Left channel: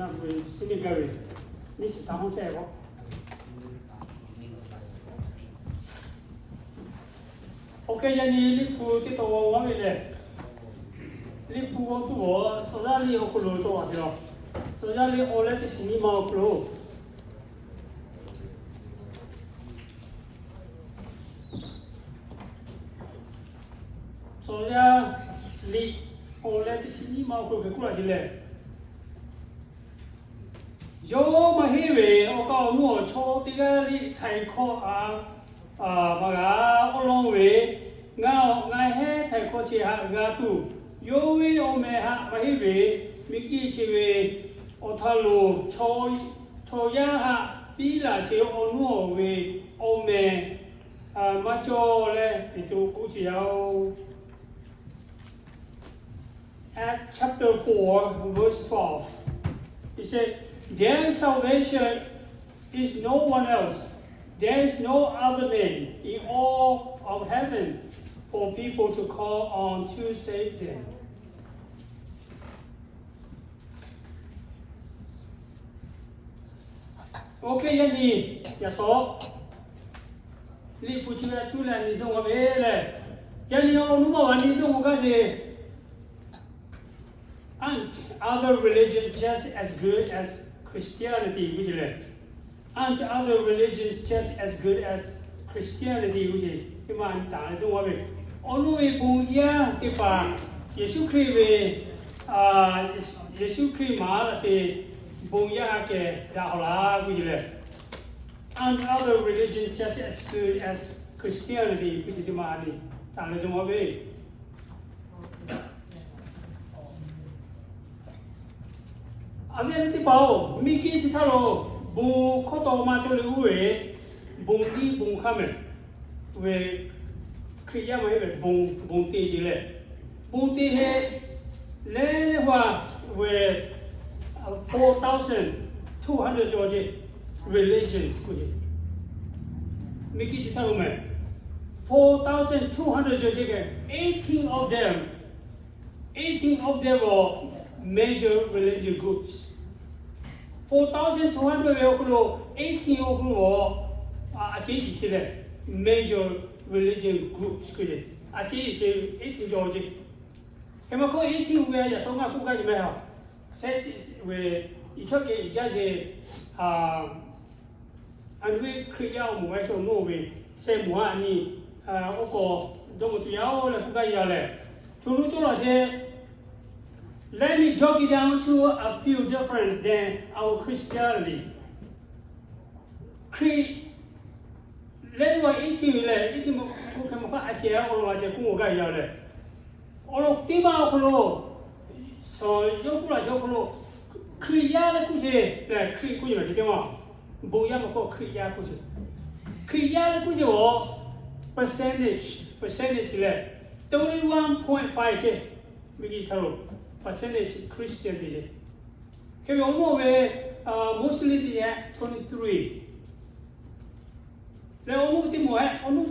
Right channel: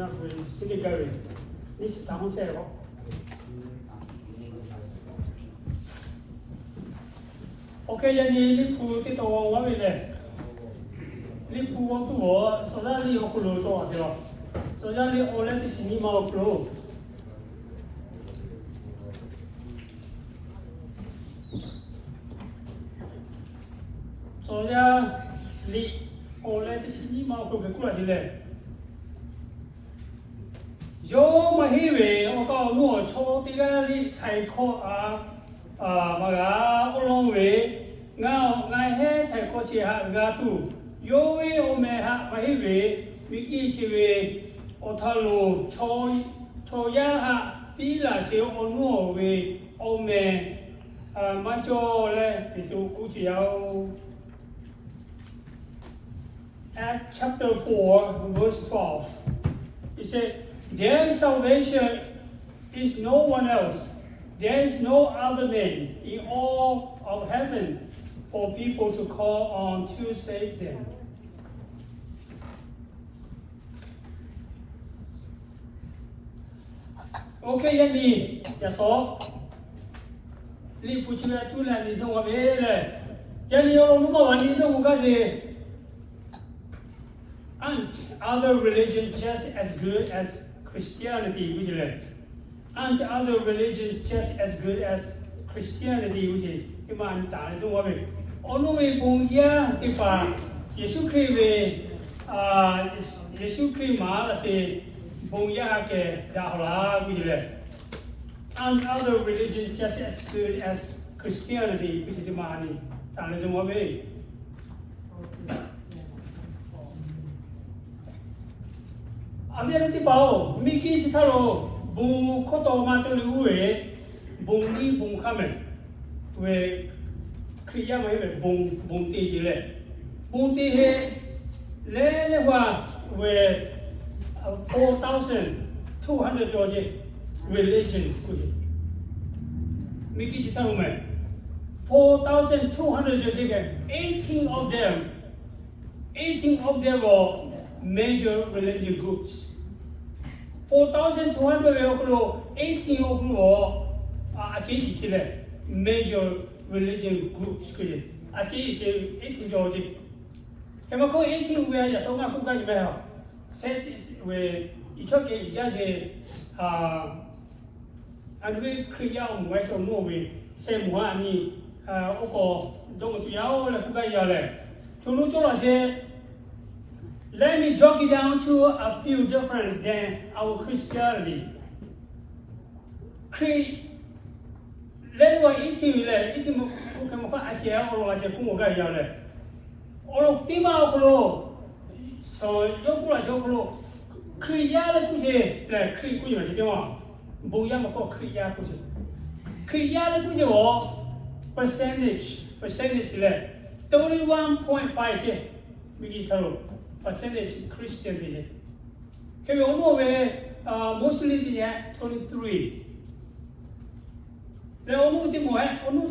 那会心里各位，你是当红菜不？OK， giờ đi đi phụ cái tàu quá vậy này, đi phụ cái bộ, sau đó đi học lối cho thế nào, sau đó đi ở lại thì xin đi mau lối, sau đó đi ở lại thì xin đi mau lối về cuối là yo mà hi về, ở cái mua cho tí cái đi thay kho mà gà ở long về ngay hết thầy có chỉ hạ gà tu yo về ở mẹ hạ mà hi về mình kia chỉ về ở thà lù cho ya hạ bí là chỉ ở nuo về ở mẹ mà cho lên thì tôi cũng chỉเอาActs chapter 4 verse 12 it said their salvation is no one else. There is no other name in all of heaven for people to call on to save them. Okay, yan đi, yaso. Li puchi na tu na ni dong abe le. Yan ni ono mo ni dong ga je. Aren't other religions just as good as Christianity, which is aren't other religions just as good as Christianity, which is cái mà anh ta nói đúng không? Ông nói bùng ya cái bà Giêsu Christ về Giêsu Christ mà là gì bùng ya cái đạo là cái gì đấy? Aren't other religions just as good as Christianity, which is cái mà anh ta nói đúng không? Anh em đi bảo mình kia chỉ thao bùng khó to mà cho lưu về bùng đi bùng khăm về khi ra mấy về bùng tì gì lệ bùng tì hệ lẽ hoa về 4,200 Georgia religions của gì mình kia chỉ thao mà 4,200 Georgia 18 of them were major religious groups. 4,200 of 18 of them were major religious groups. Actually, 18 Georgia. Em có 18 người là sống nào cũng cái gì vậy hả? Sẽ về ít cho cái giá trị anh với Kriya một vài số nô về xem mua anh đi ô tô đông một tuyến là cũng cái gì vậy? Chúng nó cho là sẽ let me jot it down to a few different than our Christianity. Let me eat him who can find a chair or a Kumoga. Or Timao, so Yokula Yokolo, Kriya Kuze, like Krikuya, Boyamako Kriya Kuze. Kriya Kuze percentage left 31.5 which is percentage Christian. Can we all know mostly the 23. The only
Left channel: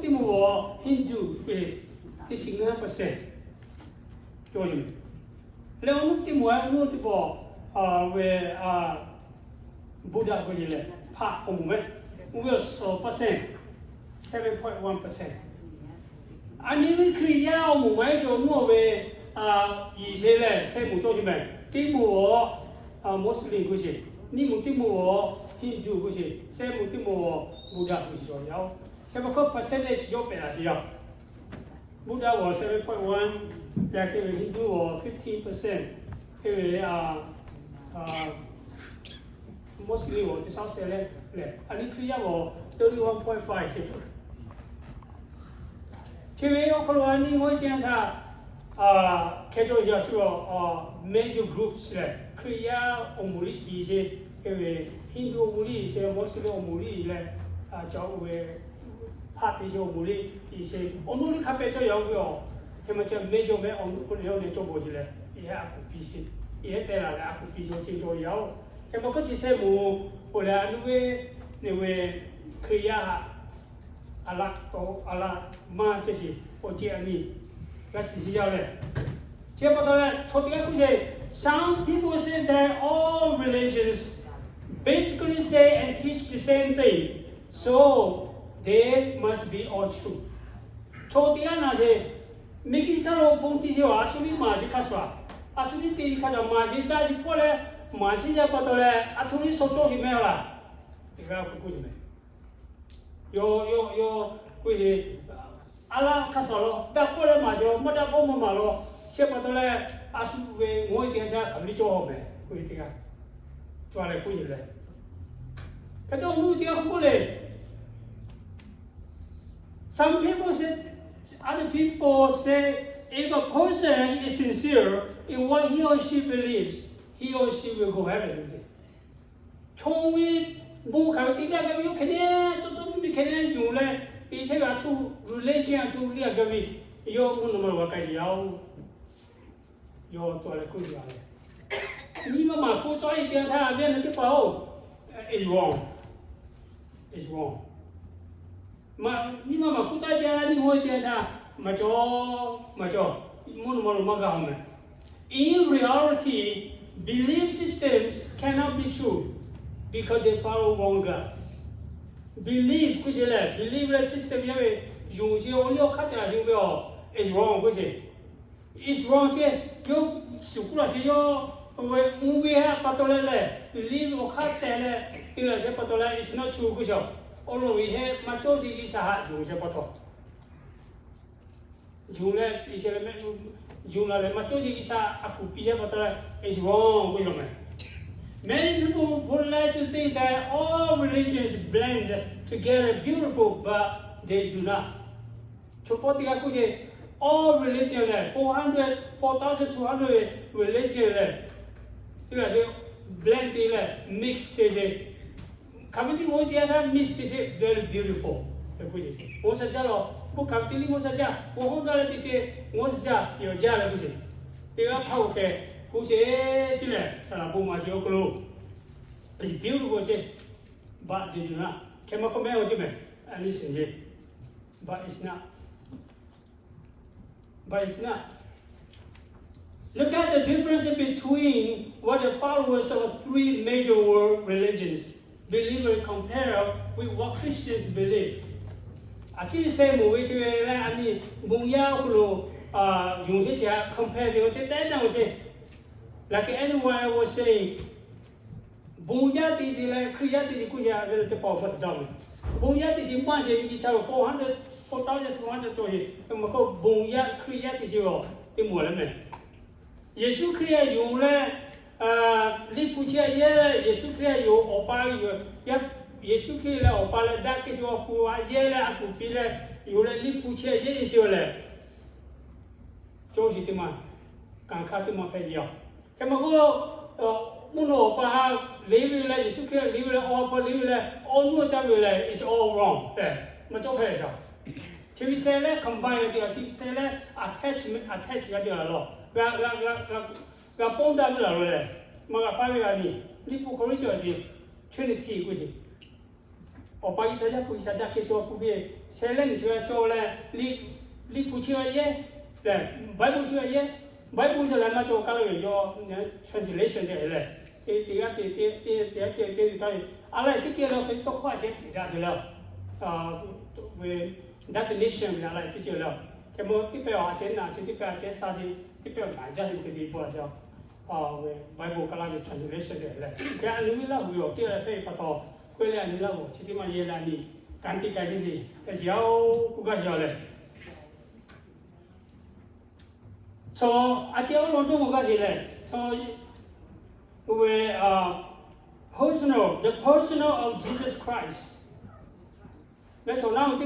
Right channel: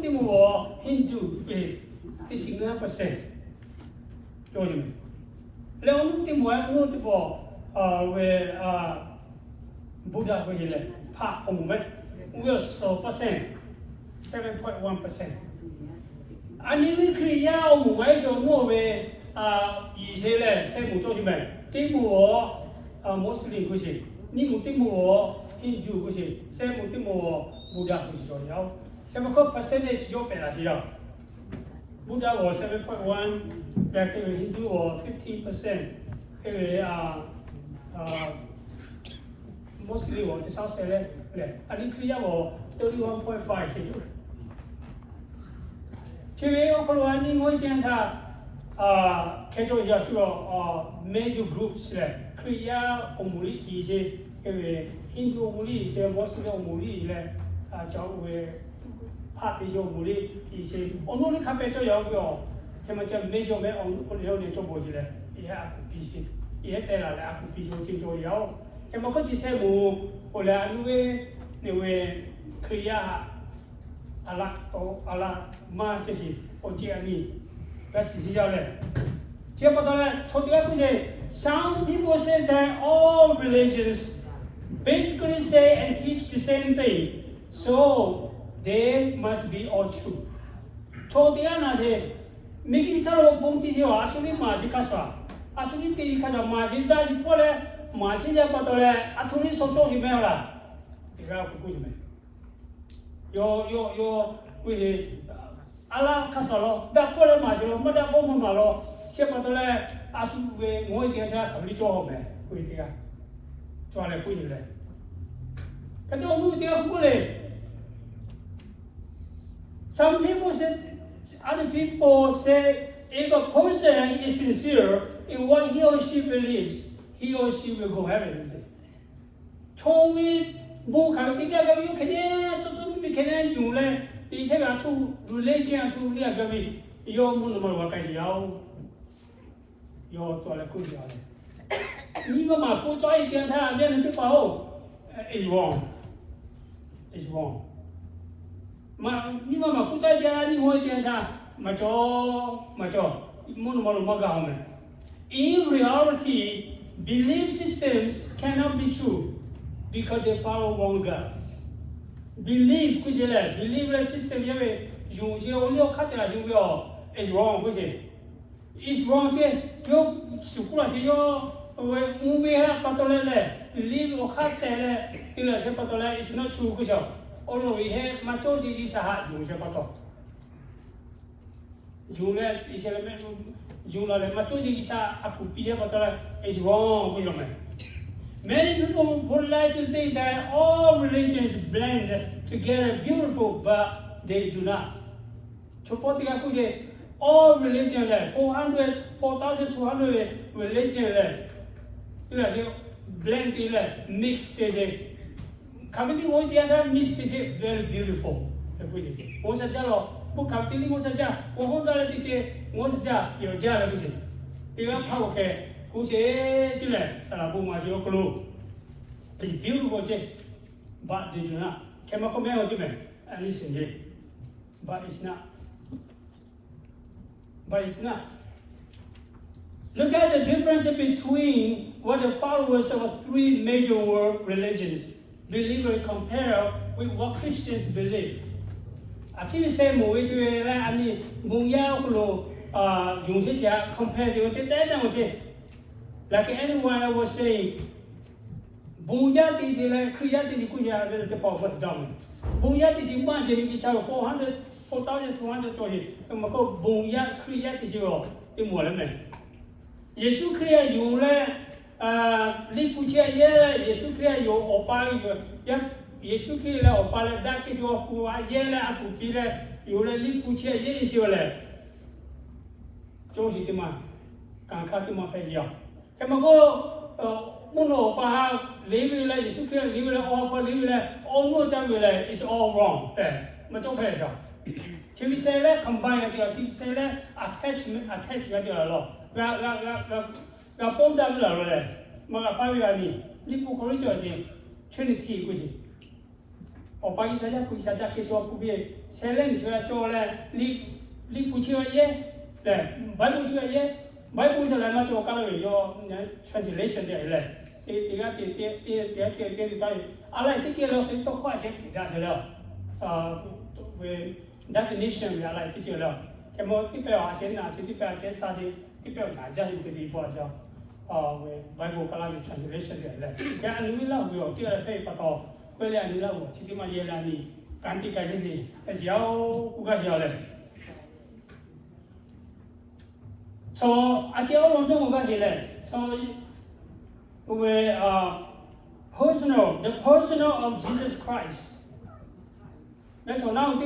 more Hindu is 6%. The only more where Buddha will part from we are so percent 7.1%. And even Kriya or where's your Norway. 以前咧，西木做啲咩？啲木我Muslim 嗰時，呢木啲木我 Hindu 嗰時，西木啲木我 Buddha 嗰時左右。咁啊，個 percentage 咗變啦，之後 Buddha 我 7.1， 但係佢 Hindu 我 15%， 佢Muslim 我至少寫咧，啊呢Kriya我 31.5 先。前面我講話呢，我檢查。개조 이야기가 major groups 래 Kriya 오물이 이제 힌두 오물이 이제 모슬림 오물이 이래 저왜 파티지 오물이 이제 오늘이 카페죠 여기요 그러면 major 매 오늘 여기 좀 뭐지래 이해 비시 이해 때라 비시 진짜요 그러면 그 지세 뭐 원래 안에 왜 Kriya 알라 또 알라 마세시 어디 아니 那实际上呢， Some people say that all religions basically say and teach the same thing, so they must be all true. Allah kasaro da pole majoro mada bomo malo sepatole asuwe ngoi tiaja khabli cho hoble kuitika chwale kuile kato mu dia kule some people say other people say if a person is sincere in what he or she believes he or she will go heaven chowi bu khatika ga yu khede chu mi khede yu le以前个土religion土那个咪，要么那么我感觉要做来贵点嘞。你个嘛不做一点，他那边的包，is wrong，is wrong。嘛，你嘛不做一点，你会点啥？嘛做，么那么个好没？In reality, belief systems cannot be true because they follow wrong God. Belief belief system is wrong is wrong believe is not true all we have is wrong. Many people would like to think that all religions blend together beautiful, but they do not. All religions, 4,200 religions, blend, mixed, coming together, mixed, very beautiful. It's beautiful, but they do not. Listen, but it's not. But it's not. Look at the difference between what the followers of three major world religions believe and compare with what Christians believe. Actually, say compare with like anyone was saying, Bunya is in creating the power down. Bunya is in one thing, 4,200 to it, and Mako Bunya created you in one. Yesu create you, Lipucha, Yesu create you, or Pali, Yesu create or Pala, that is your who are yellow, Apupila, you let Lipucha, is your left. Josie Timan, can cut him off at you. Uno pa live like you can live like all but live like all no job is all wrong. But okay. Chief say that combine the chief say that attach the law. We are both down there. Magapari, Lipu corridor, Trinity with it. Or by Isaiah, who is a dark case of be selling is where Jola Lipuchia ye, Bible to a ye. Bible is a language of color, your translation there. I like to tell you to quite that definition, I like to tell you. About the agenda, the just the board Bible color translation there. Yeah, and we love you, dear paper call, William Lahu, Chitima Yelani, Kantika, as Yao, Uga. So I tell you, so we personal, the personal of Jesus Christ. That's all now,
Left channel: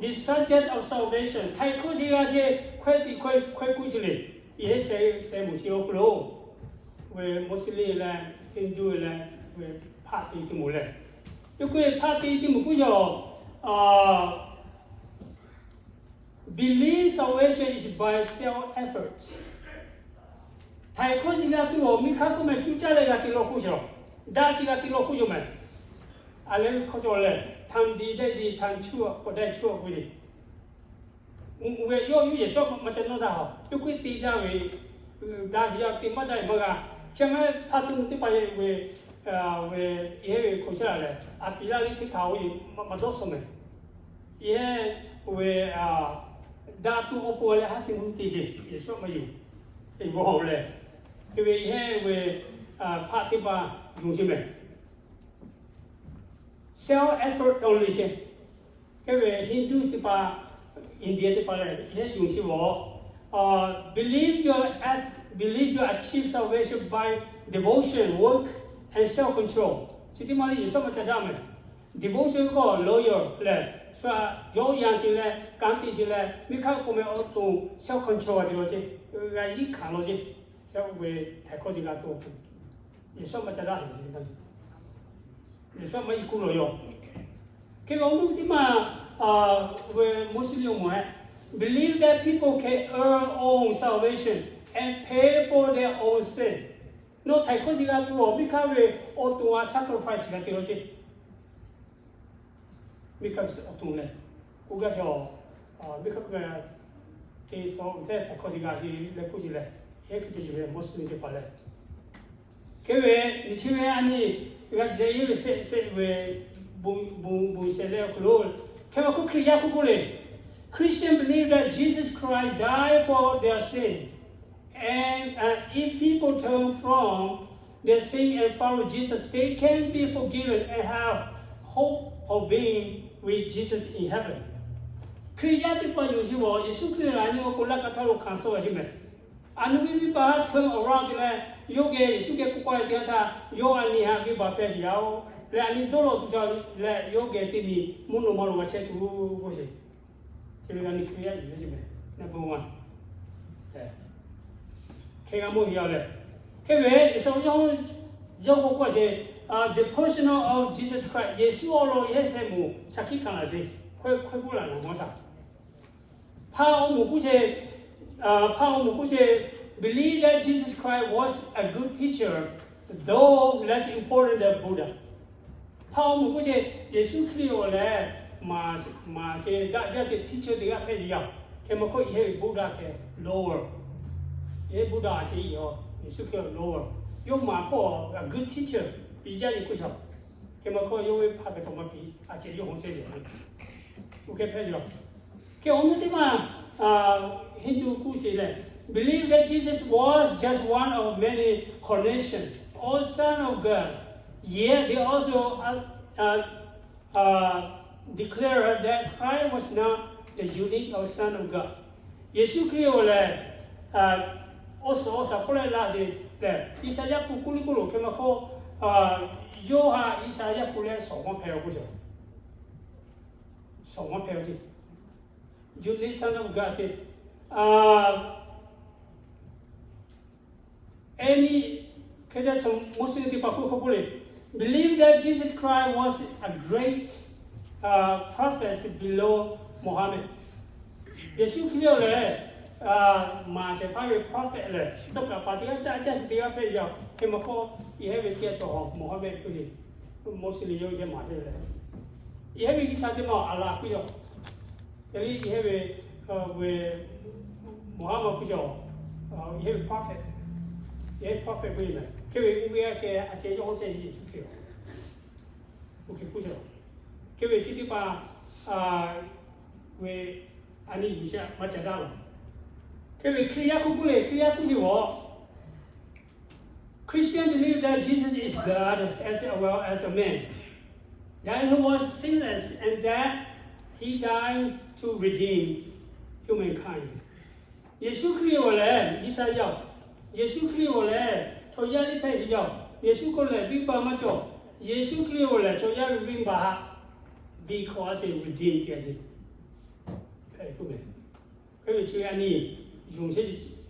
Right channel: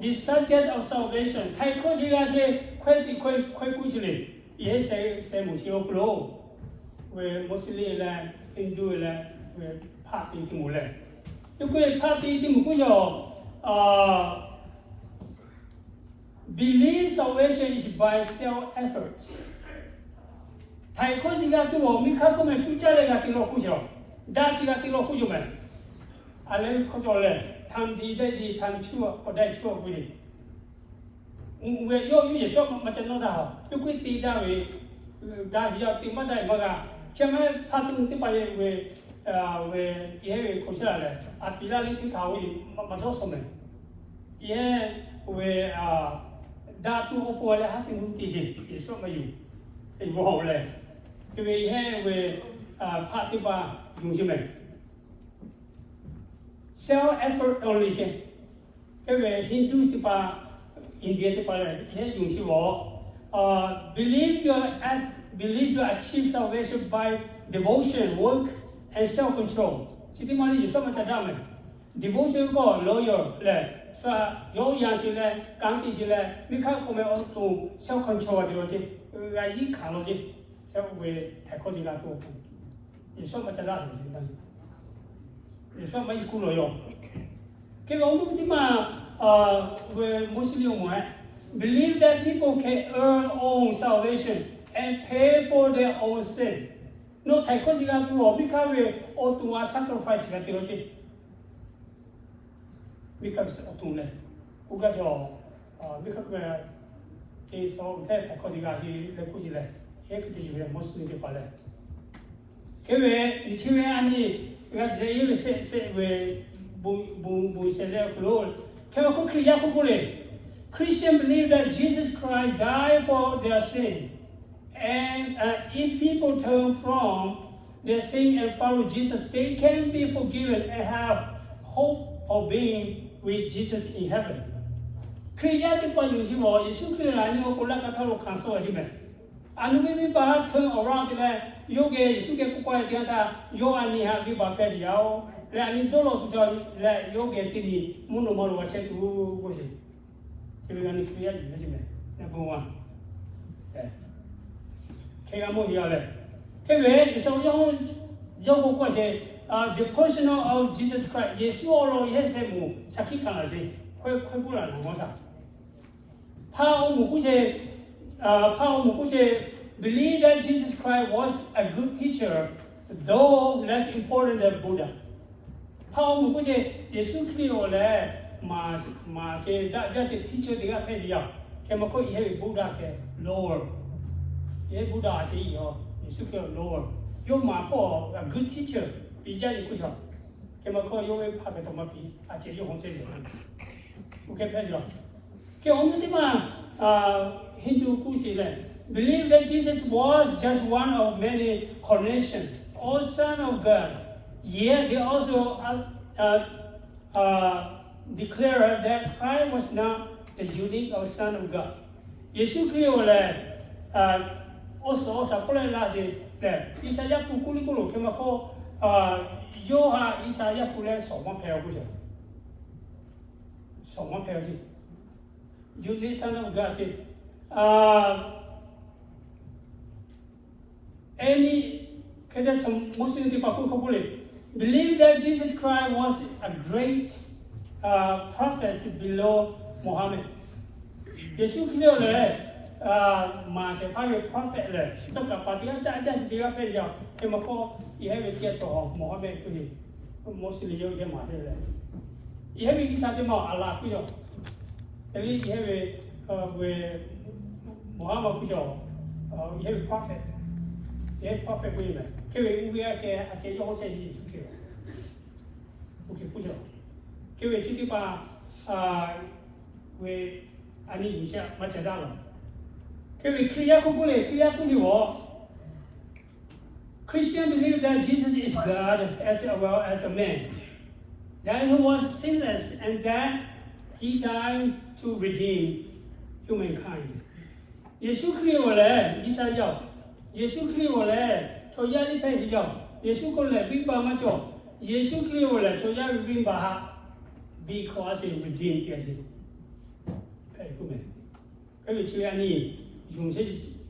the subject of salvation. Thai Koshi quite quickly. Yes, say Musio Glow, where mostly land, Hindu land, where party to Mule. You could party to Mukuyo. Belief salvation is by self-effort. Thai Koshi got to Mikako and Tuchale got to Lokujo. That's got to Lokujo. I let me call your time the time two or that two with it. Where you shop much another. You could be that way, 다 이야 띵바다 뭐가 정말 파트 띵바에 왜 얘 고쳐라래 아 비라리티 가고 맞았으면 얘왜 다투 오포래 하티 문티지 예수 뭐지 이 뭐래 왜 파티바 중심에 self effort only 왜 힌두 티바 인디아 티바래 얘 중심 뭐 believe you achieve salvation by devotion, work, and self-control. Jadi mana Yesus macam mana? Devotion ko loyal le, so yo yang sila, kanti sila, mereka kome auto self-control dia je, lagi kalau je, saya we takut sih tu. Yesus macam mana sih kan? Yesus macam ikut loyal. Kalau orang tu mah we Muslim believe that people can earn own salvation and pay for their own sin. No, take what you got to because we ought to sacrifice that you know. Because ought to let. Who got your because we so take what you got you let put you let. Here could you be most of the people. Kewe, the children ani because they you say we bu say there close. Kewe cook ya cook Christians believe that Jesus Christ died for their sin. And if people turn from their sin and follow Jesus, they can be forgiven and have hope of being with Jesus in heaven. Kriyati pa yuji wo Yesu Kristo ani ko la kata lo cancel aji me. Anu mi ba turn around le yoge Yesu ke ko kwa dia ta yo ani ha mi ba pe yao le ani do lo tu le yoge ti ni muno mo lo che tu ko si. Kilo ani kriyati aji me. Number 1. The person of Jesus Christ, Yesu orang ini semua sakit kan sih, kau bulan masa. Paul mukuje believe that Jesus Christ was a good teacher, though less important than Buddha. Paul mukuje Yesu Kristo le masih dah jadi teacher dia dia, kemako ini Buddha ke lower. Ye Buddha chỉ yo, Yesu kêu Lord. Yo mà po a good teacher, bị gia đình của cháu. Cái mà coi yo phát cái tổng bị, chỉ yo không chơi được. Ok phải chưa? Cái ông ấy mà Hindu cũng chỉ là believe that Jesus was just one of many incarnations, all Son of God. Yet they also declare that Christ was not the unique or Son of God. Yesu kêu là also ko la de Isaiah kukuli ko ke ma ko yo ha Isaiah ko le so ma pe ko je so ma pe je you need Son of God any kada some Muslim di pa ko believe that Jesus Christ was a great prophet below Muhammad. Yesu kilo le mà sẽ phải về prophet rồi, trong cả phần tiếng Anh chắc sẽ bây giờ khi mà có ý hay về kia tổ Muhammad cái gì, Muslim yêu cái mà thế này, ý hay về cái sao thì mà Allah cái đó, cái ý hay về Muhammad cái đó, ý hay về prophet cái này, cái về ubi cái yêu sẽ gì chút kiểu, ok cái đó, cái về chỉ là về anh ấy sẽ mà trả ra rồi. Christians believe that Jesus is God as well as a man, that he was sinless and that he died to redeem humankind. Yesu Kristo le Isaiah, Yesu Kristo le cho ya li pe jo, Yesu ko le bi ba ma jo, Yesu Kristo le cho ya bi ba because he redeemed you. Hey, come on. Cái chuyện này dùng sẽ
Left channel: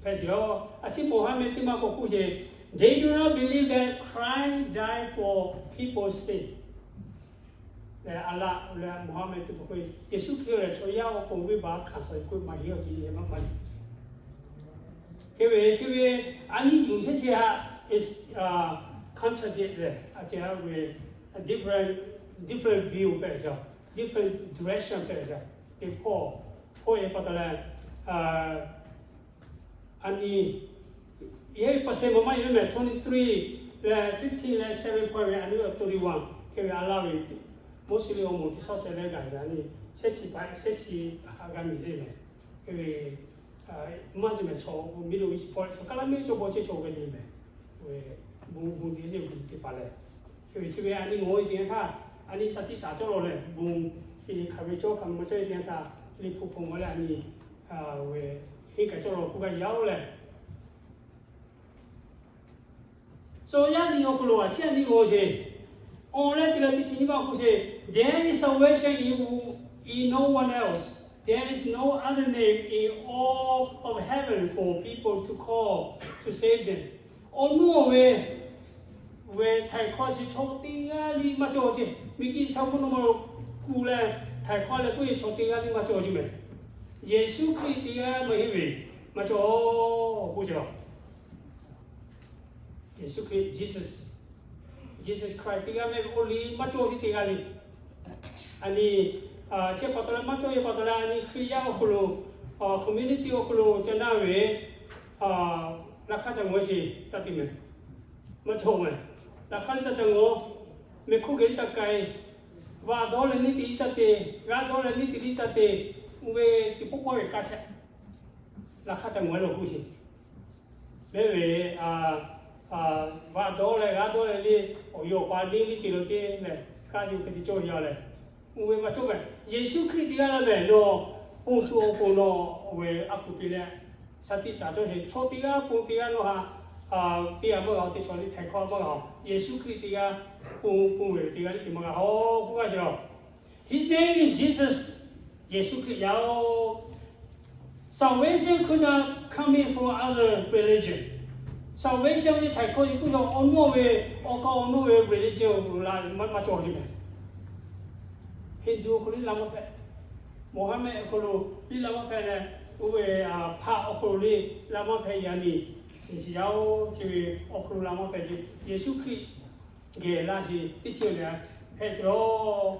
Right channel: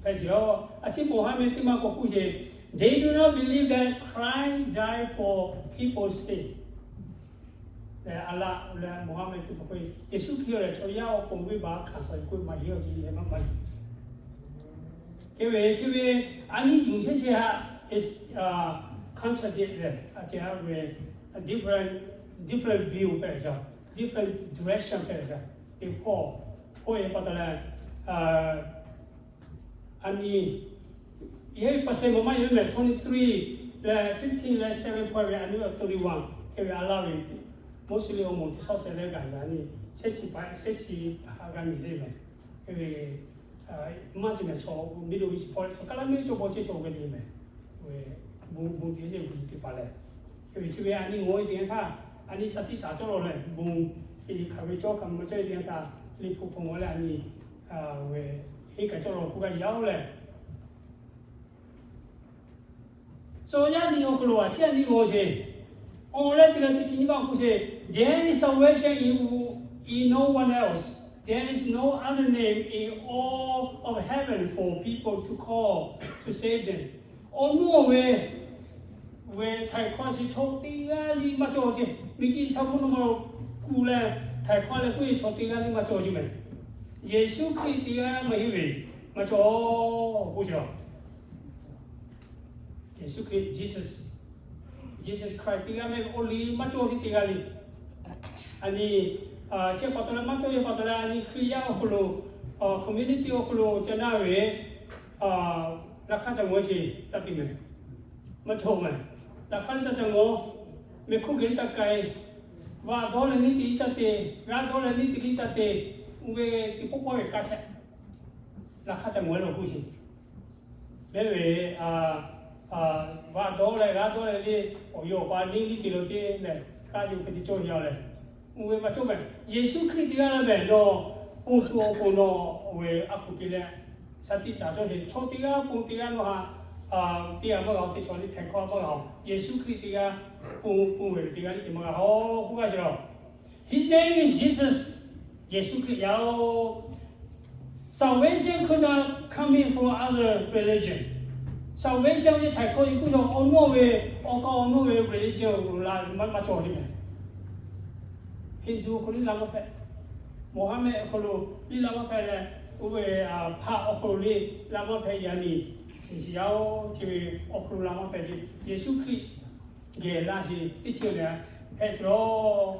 phải hiểu. Chỉ Muhammad thì mà có câu gì? They do not believe that Christ died for people's sin. Allah là Muhammad thì có câu Yesu kêu là cho nhau cùng với bà khả sợi của mày hiểu gì em mày. Cái về anh ấy dùng sẽ is contradictory. Chỉ là về different view phải không? Different direction phải không? Thì Paul em bắt đầu là anh ấy Ye percent mama you me 23 le 15 le 7 point and you 31 ke allow it mostly almost so se le ga ni se chi ga mi le ke ma ji me cho middle east point so kala me cho bo che cho ke ni me we bu ti je ku ti pa le ke chi be ani ngo ti ka ani sati ta cho lo le bu ki ka be cho kam mo che ti ka li pu pu mo le ani we he ka cho lo ku ga yao le so ya ni ko lo a che ni ngo che on le ti le ti chi ba ku che there is salvation in no one else. There is no other name in all of heaven for people to call to save them. Oh no way, where Thai Kosi Chotia Li Majoji, Miki Samuno Kula, Thai Kola Kui Chotia Li Majoji. Yesu Kritia Mahiwi, Majo Bujo. Yesu Christ, Jesus Christ, Tigame only Majoji Tigali. And the che patola macho ye patola ani kriya okulu community okulu chanawe rakha changwe si tatime macho me rakha ta chango me khu geri takai wa dole ni ti tate ga dole ni ti tate we ti popo e kase rakha changwe lo kusi bebe wa dole ga dole ni oyo pa ni ti lo che me ka ju ke ti cho ya le we ma to ba Yesu Christ ya ba no o to ko no we akupile sati ta cho he cho ti ga pu ti ga no ha ti ya mo ga ti cho ni thai kho mo ga Yesu Christ ya pu we ti ga ti mo ga ho ku ga jo his name is Jesus Yesu Christ ya salvation could not come in from other religion salvation ni thai kho ku no o no we religion la ma cho ni Hindu ko lama pe Mohammed ko li lama pe le uwe pha ko li lama pe yani si yao chi ko lama pe Yesu Christ ge la si ti che le he so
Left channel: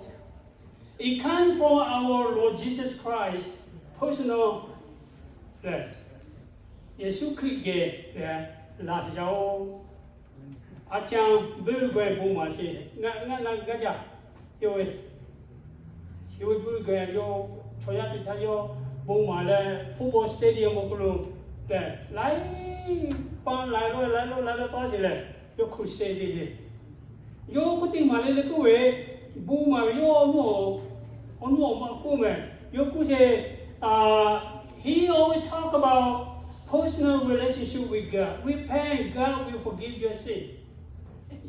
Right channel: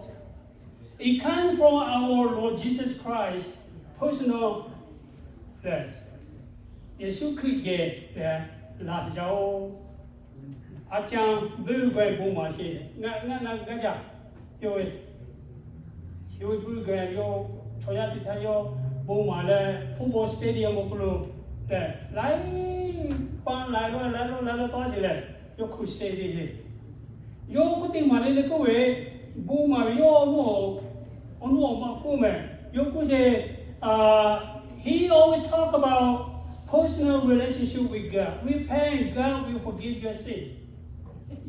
it comes from our Lord Jesus Christ personal le Yesu Christ ge la yao a chang bu gwe bu ma si ga ja yo you will get your Toyota, your Boma, football stadium of blue. Like, you could say it. You could think money go away, Boma, your no, on no, woman. You could say, he always talk about personal relationship with God. We pray God will forgive your sin.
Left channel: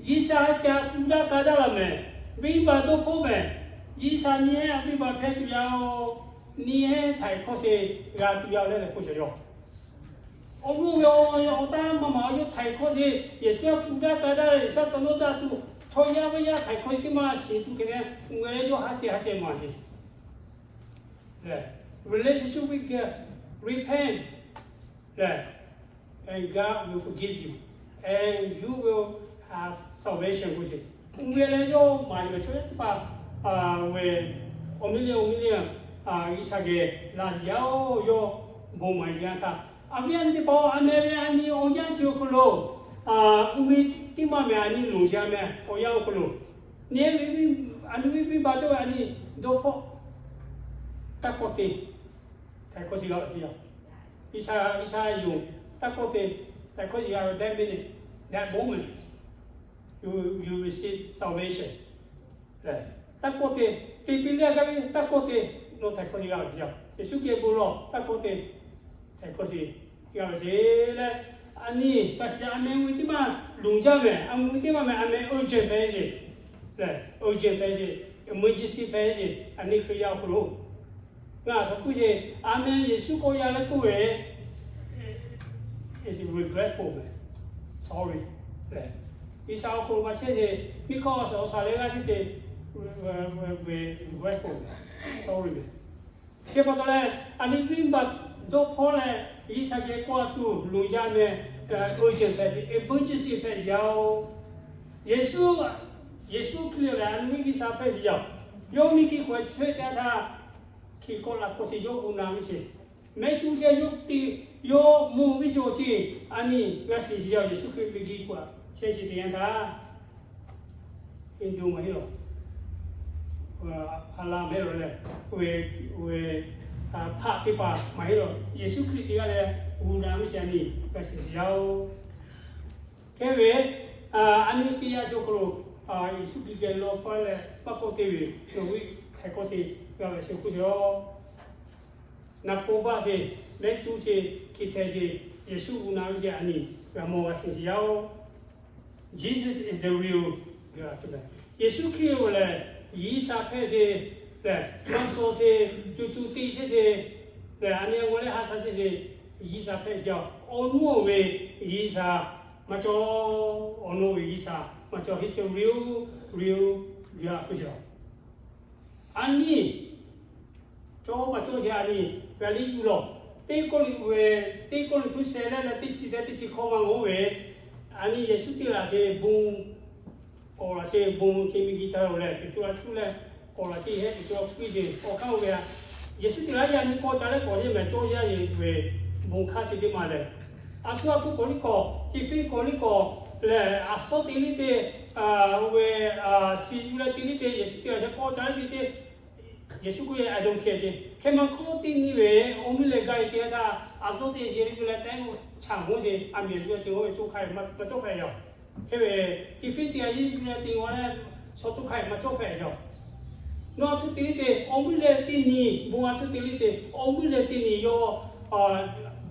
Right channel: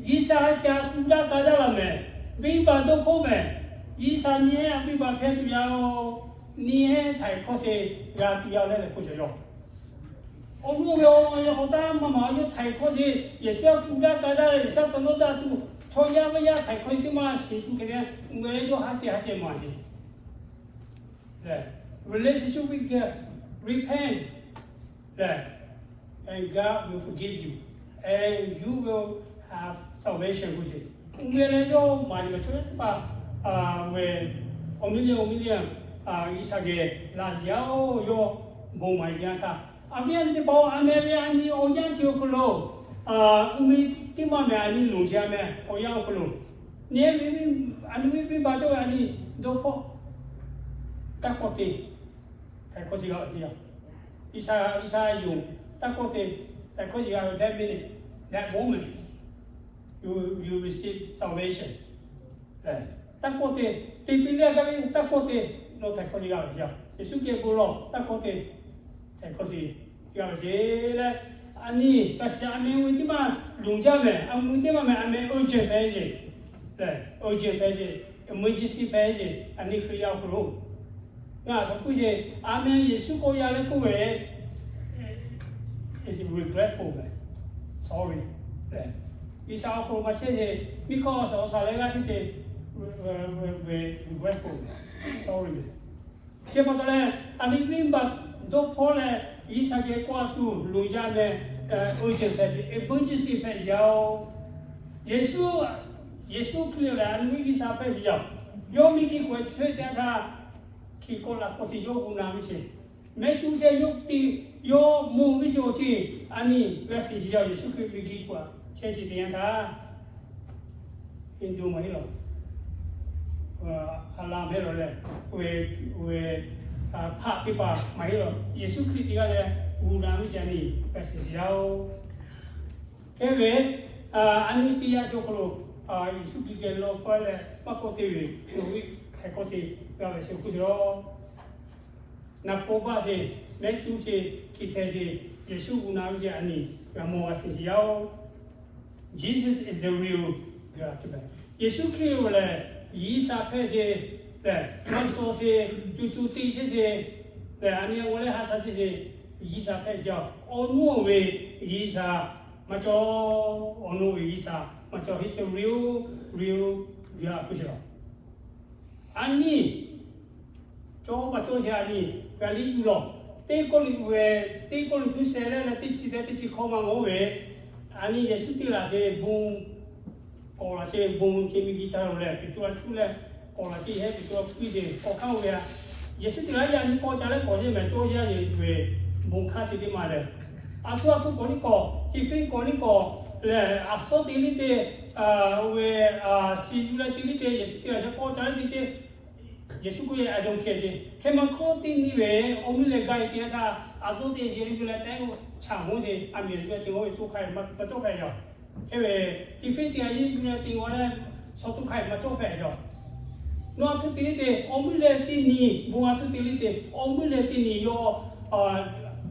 Yisa, Kuda Kadalaman, Viva do Poman. Isa ni abi ba phe tu yao ni he thai kho se ga tu yao le le ku yo o lu yo ta ma yo thai kho se ye swa ku da ka da sa sa no da tu cho ya ba ya thai kho ki ma si tu ke ne ngwe yo ha che ma si relationship with God repent and God will forgive you and you will have salvation with it ngwe le yo ma ni cho pa we omilia isage la yao yo bo mai yanta avian de bo amebe ani o yan chi ko lo ui ti ma me ani lu sha me o yao ko lo ni ani ba to ani do pho ta ko te ta ko si ga ti ya isa yu ta ko te ta ko ji ga that minute that moment you receive salvation takote tipilia gabi takote no takoji ga ya Yesu ke bulo takote takosi ya le ani kasi ame witi ma lungja me am witi ma me ame urgent pe je urgent pe je emergency pe je ani ko ya ko ga so ku je ame Yesu ko ya le ku we is regretful man sorry isa ko ma che because of sa le ga ti we grateful. Sorry. Che patale ani rimba do pole isa ke kwa tu luja me urgent emergency pe yao Yesu kile la ani ki sa pe yao yo mi ki ko chwe ta tha ki ko la ko si yo una mi se 没出现有梦没说的，你那是要耶稣可以给过，这是点他，印度没有，阿拉没有嘞，为帕地巴没有，耶稣可以这个嘞，无难没啥你，那是要，因为你第二就可能耶稣可以给老婆嘞，包括这个，因为还可是要耶稣可以咯。那不把是没出是其他是耶稣无难的你，那么是要 Jesus is the real God 对不对？耶稣基督嘞，以撒配是对，那说是就地这些对，安尼我嘞还是以撒配叫，我诺为以撒，嘛叫我诺为以撒，嘛叫 He's the real God 不是？安尼。cho mà cho thì anh về lý du lo, tây con tu xe là tây chỉ không mà ngồi về, anh ấy suy là sẽ bung, hoặc là sẽ bung cái mi guitar rồi, thì tôi là hoặc là sẽ hết thì tôi quy định, hoặc không về, suy là anh có trả lời có gì mà cho ra về bung khác thì mà đấy, số tôi có đi có, chỉ phải có đi có là số tiền đi về xí là tiền đi suy là có trả lời thì Yesu ko I don't care je kema ko tin ni we omi le gai tia da azo te je ni le tai ko chang ho je a mi ju ti ho tu khai ma to khai yo ke we ti fi tia yi ni ti wa le so tu khai ma to khai yo no tu ti te omi le ti ni bu wa tu ti li te omi le ti ni yo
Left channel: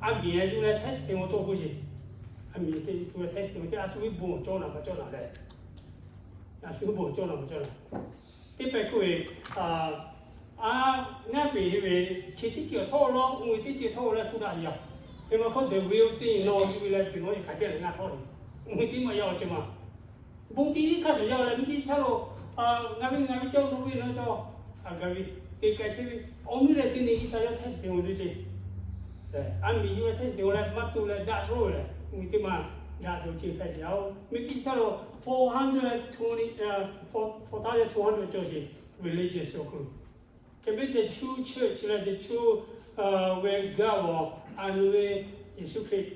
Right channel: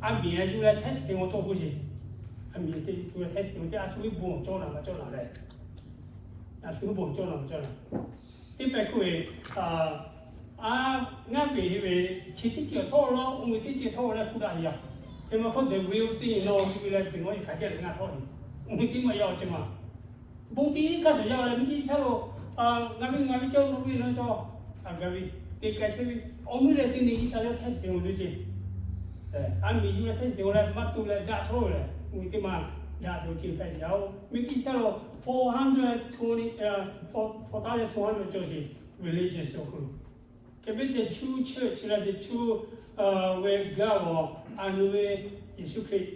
a mi ju le testing mo to ho je a mi te tu le testing je a su bi bu cho na ma cho na le a su bu cho na ma cho na ti pe ko we ngay về chỉ tiết kiệm thôi lo, người tiết kiệm thôi là cũng đã hiểu. Thì mà không được real thing nó thì là đừng có cái chuyện là thôi. Người tí mà giàu chứ mà. Bố tí các sở giàu là mình sao rồi, ngay bên trong nó cho, ngay bên cái gì, ông ấy là tin gì sao cho test tiếng gì chứ? Anh bị như test tiếng là mắt tôi là đã thôi là, người tí mà đã được chỉnh phải giàu. Mình kia sao rồi 420 cho gì religious circle. Can be the true church, like the true where God and where Jesus Christ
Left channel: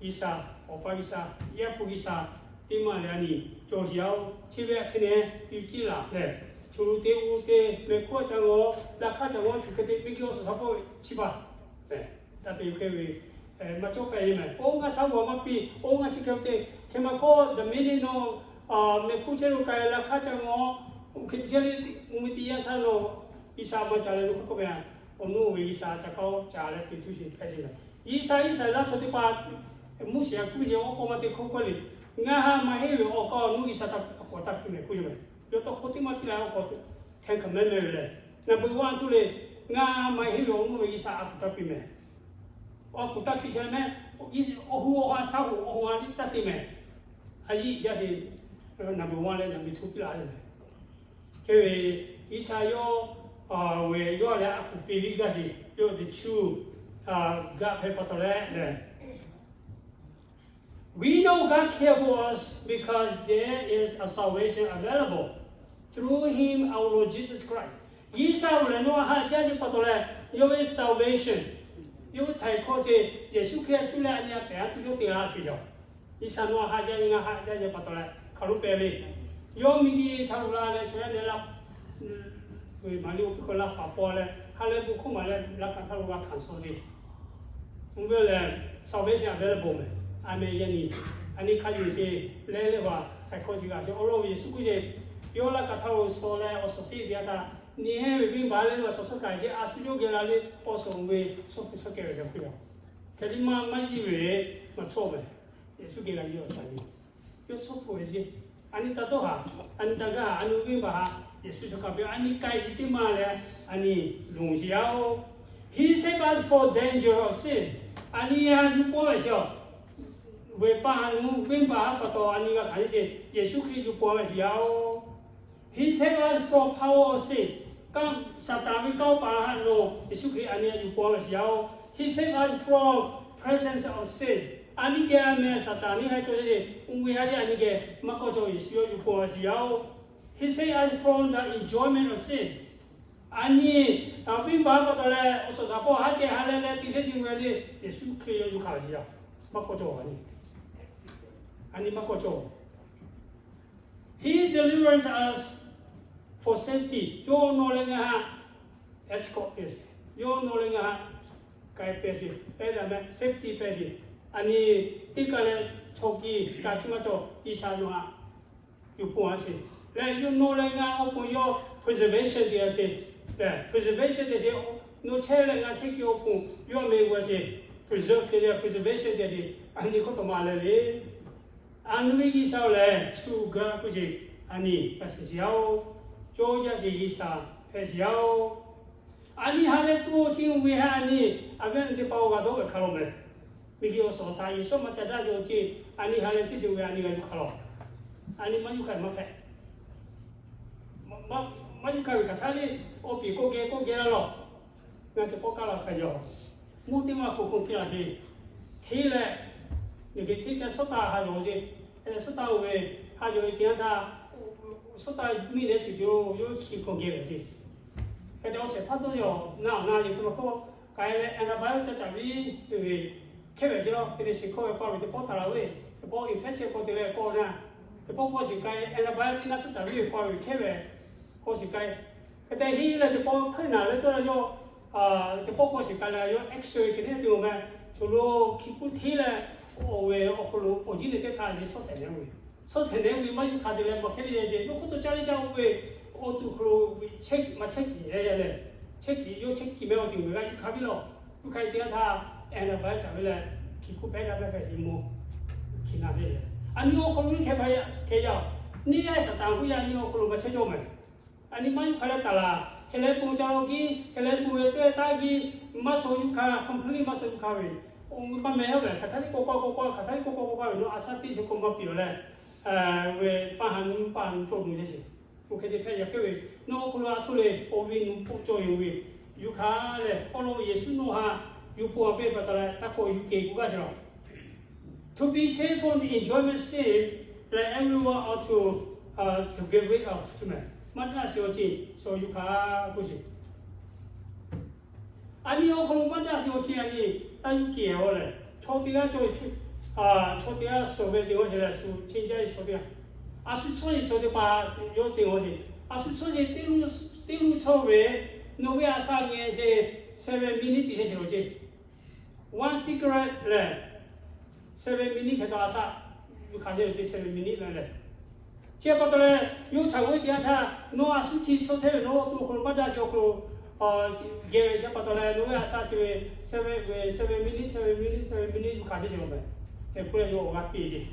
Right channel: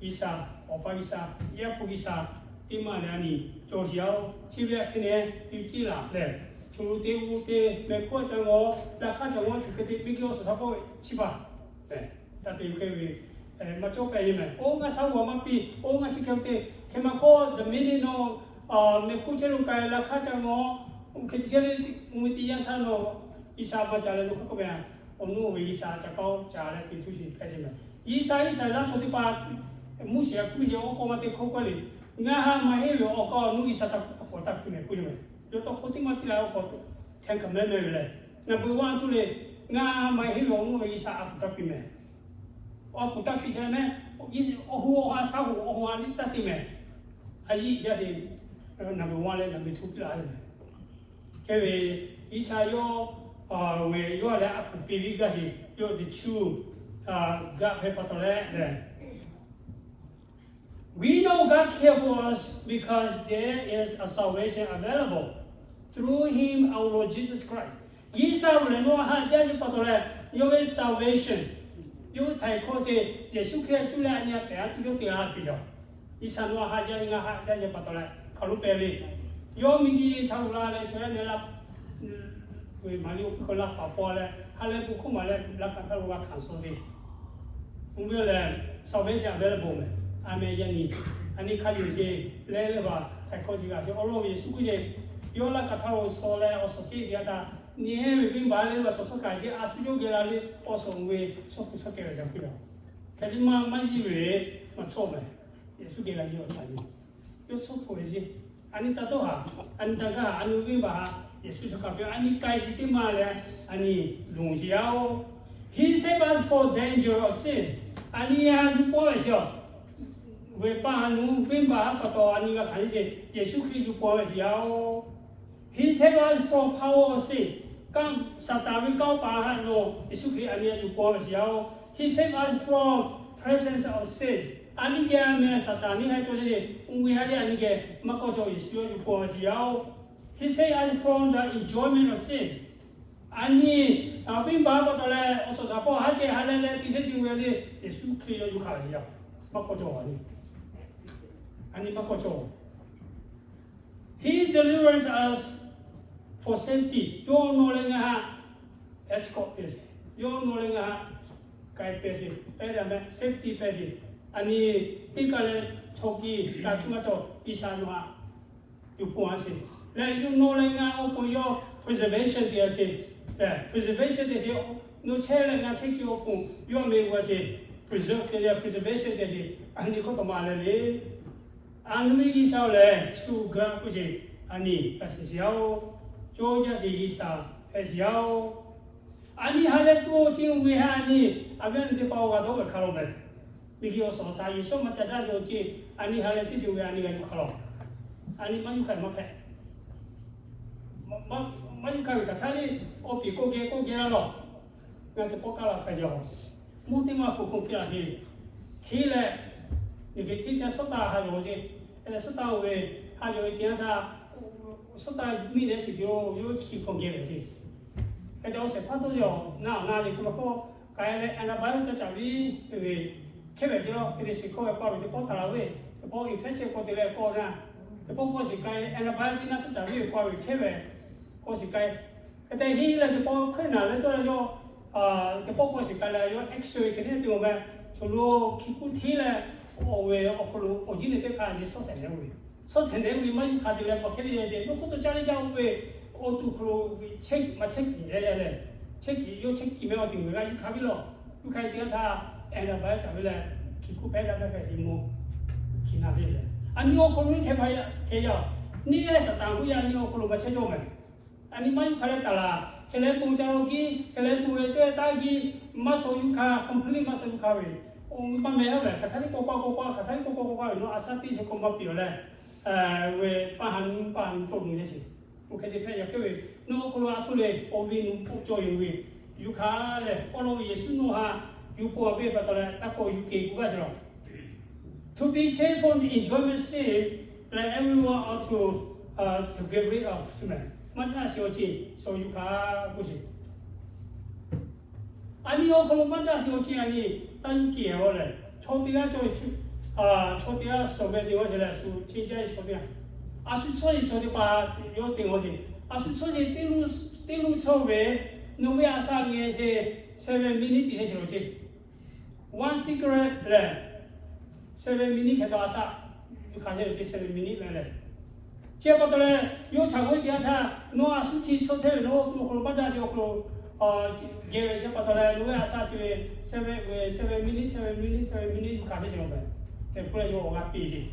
Isa, Opa Isa, Yapu Isa, Timanani, Josiao, Tibia Kene, Utila, to the Mekotango, La Catango, to get the big support Chiba. That you can be Machoka Amen. Onga Sawa Mapi, Onga Chikate, Kemako, the meaning of Mekucheruka, La Catango. Kecil umumnya kalau isa baca lalu kau kaya, onu isa cakap cara itu sih kayaknya. Isa lah suatu part musia kujo kau mati kau kali. Ngah mahir kau nu isa tak kau tak punya kujo. Yo tak kau timah kira kau tengok memang. Number one tu le ngah mahir onu isa aku tak punya. Aku tak punya mana? Oh asa oh ani tak punya. Aji jadi number one le number two pula. Cái Isa yo về yo là aku pilih cái gì yo the true God hay bắt đầu. We know God cares for us because there is a salvation available through Him, our Lord Jesus Christ. Isa là nó ha cha chỉ bắt đầu yo về salvation yo thầy có gì Giêsu Christ chúng ta nhà bé chúng ta đi học Isa nó ha cha chỉ bắt đầu khảo lục bè đi. Yo mình đi thâu ra là cho nên là người mà lưu có là pháp bảo là hay là cũng không phải là cái thâu ra khẩn số gì. Không biết là sau bây giờ là bố mẹ anh em anh ấy khai gì lấy vào thầy có gì cả cho ông lo về suy nghĩ yo là cái thâu số là ở số gì thì ta nhớ về việc bảo lên là số cái gì à suy nghĩ là đi ở số về số cái là cái gì cái mà gì về mà số về suy nghĩ là gì ở đây yo số cái gì anh ta đâu hả anh ta cái anh uống bà Yesus cakap anh cái gì mà là anh dùng dao He saved us for danger of sin anh giúp qua sao về ba anh uống bà bắt đầu anh cái cái gì Yesus khi giúp qua dao He saved us for power of sin các Satan với câu bà anh nó Yesus khi anh giúp qua dao He saved us from presence of sin anh cái mà Satan này hay cho gì người hay anh cái mà có cho Yesus giúp qua dao He say I'm from the enjoyment of sin. 아니 나비 바바들에 어서 잡고 하게 하려는 디세징 외에 예수 크리어 유카이야 바꿔줘 아니 바꿔줘 He delivers us for safety yo 노랭아 escort this yo 노랭아 kai pesi 에다면 safety pesi 아니 이까는 초기 같은거 이사노아 유포하세 래 노랭아 오포요 preservation 되어세 preservation 되어세 no 체력나 체크고 요 메고세 preserve 되어 preservation 되어세 아니 것도 말래 안미기 살래 수가 그지 아니 패시야오 조자지 이사 패시야오 아니 하래 또 지금 왜 하니 아벤데 파워가 더 가로네 미기 어서 사이 소마 짜다지 아니 하래 시지 왜 아니 왜 가로 아니 만유카 마패 만유카 가탈이 오피 고게라로 그한테 poka라 가죠 모티마 고고키라지 테레 이게 티가 썼다 하죠 이제 썼다 왜 하죠 이게 다 썼다 미래 주죠 요 기공개지 근데 어제 판도죠 나 이제 그거 가야 애나바이오 짜짜비 왜 캐베지로 이제 시코에 포함이 포탈라 왜 뭐 인펙션 코들에 코나 포고시 가야 애나바이오 티나 짜짜비 포함이 캐베 고시 가야 근데 히를 포 파나를 또요 포고시 가야 요 엑스레이 그냥 되면 저로 기쿠티래 왜 어플로 어디에 때까지 서세내고 이만 가들려 막 해야 이제 놓고도 잘리자고 왜 어또 책 책이 해야 책이 요 책이 매어 된 거가 가빌로 그 가이드가 다 애나바이 잡을래 기쿠 배가가지 뭐 기나빌래 아니요 그러니 개봐야 개야 니에서 당구야 니요 그런 거 체조면 아니 많이 갈았다라 걔네 봉자로기 걔네 봉에서 따기 마소유카 컴플리 마소유카위 오빠매는 가타리 꼬꼬꼬꼬 가타리 꼬꼬꼬꼬 너 아사티 저 공부 비올래 왜 빠한 좀 되지 그렇게 돼야 그 너 그거 아토레 오빈 폭조용위 유카래 오로 예수노하 유포아베 바다라 딱고 유케 구가지로 to be cheerful enjoyment save let everyone ought to get rid of human 만나시오지 so 유카 보시 아니요 그럼 만나시오지 아니 단기에오래 초비가 초비가 소베디오해라 수 진짜의 소비야 아수초이 저기봐 요 되오지 아수초이 띠루 초베 노베 아사기에세 7 minutes 해지로지 1 cigarette 래 7 minutes 해도 아사 가져지 7 minutes 래 제가들에 요 자고에 대한 노 아수치 소테 노또 그런 받아서 그 gewe siapa tahu lu asal cewek 7 minit kade cuma bay, terus yo orang pergi,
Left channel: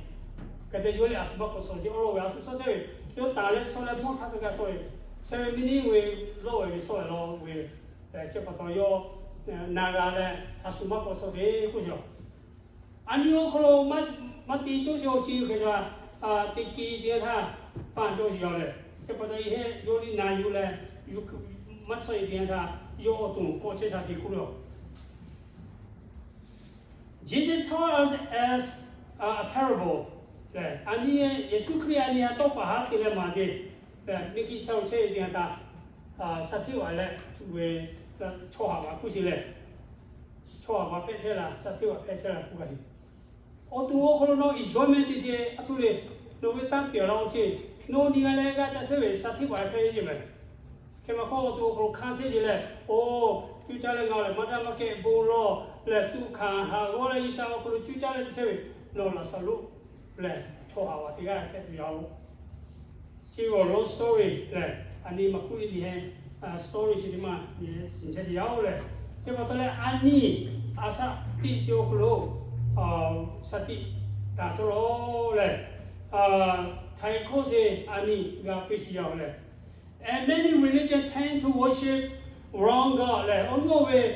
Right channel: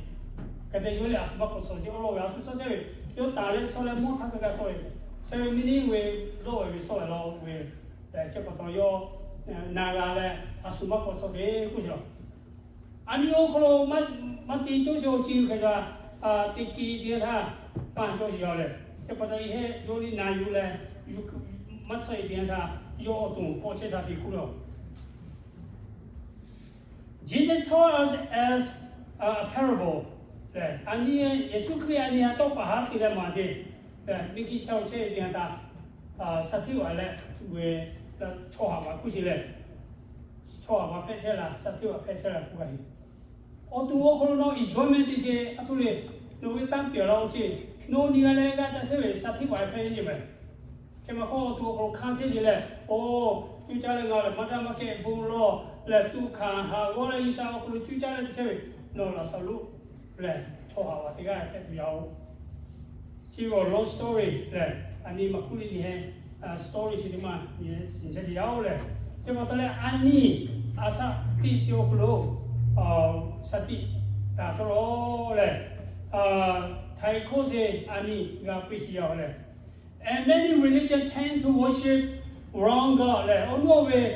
kata yo le asbab kosong, kalau we asbab kosong, yo tarik soalnya mau tak kerja soalnya, 7 minit we soalnya lo we, siapa tahu yo naga le asbab kosong kujo, ani yo kalau mati jauh cium kerja, tiki dia dah panjang jauh le, siapa tahu ini yo ni nayu le, yo masa ini dah yo otung koce sahaja kulo. Jesus taught us as a parable. Ani Yesus Kristus ani atau pahat tidak masih. Mungkin tahu saya dia dah satu ada we coba aku sih le. Coba apa sih lah satu apa sih lah bukan. Otung kalau no enjoyment sih atu le. No kita piala oce. No ni ada kerja sih satu apa sih je. Kema kau tu kalau kanci je le, tu cari ngala, macam macam bolo le, tu kan, orang isau kalau tu cari tu sewe, no la selalu le, coba awak tiga tu jauh. Cium long story le, ani makuli ni story sih cuma, ye sincere jauh le. Cuma tu le ani asa ti cium kalau sati tak terlalu le, Thai kau se ani gak pesi jauh le. And many religions tend to worship wrong God. Ono we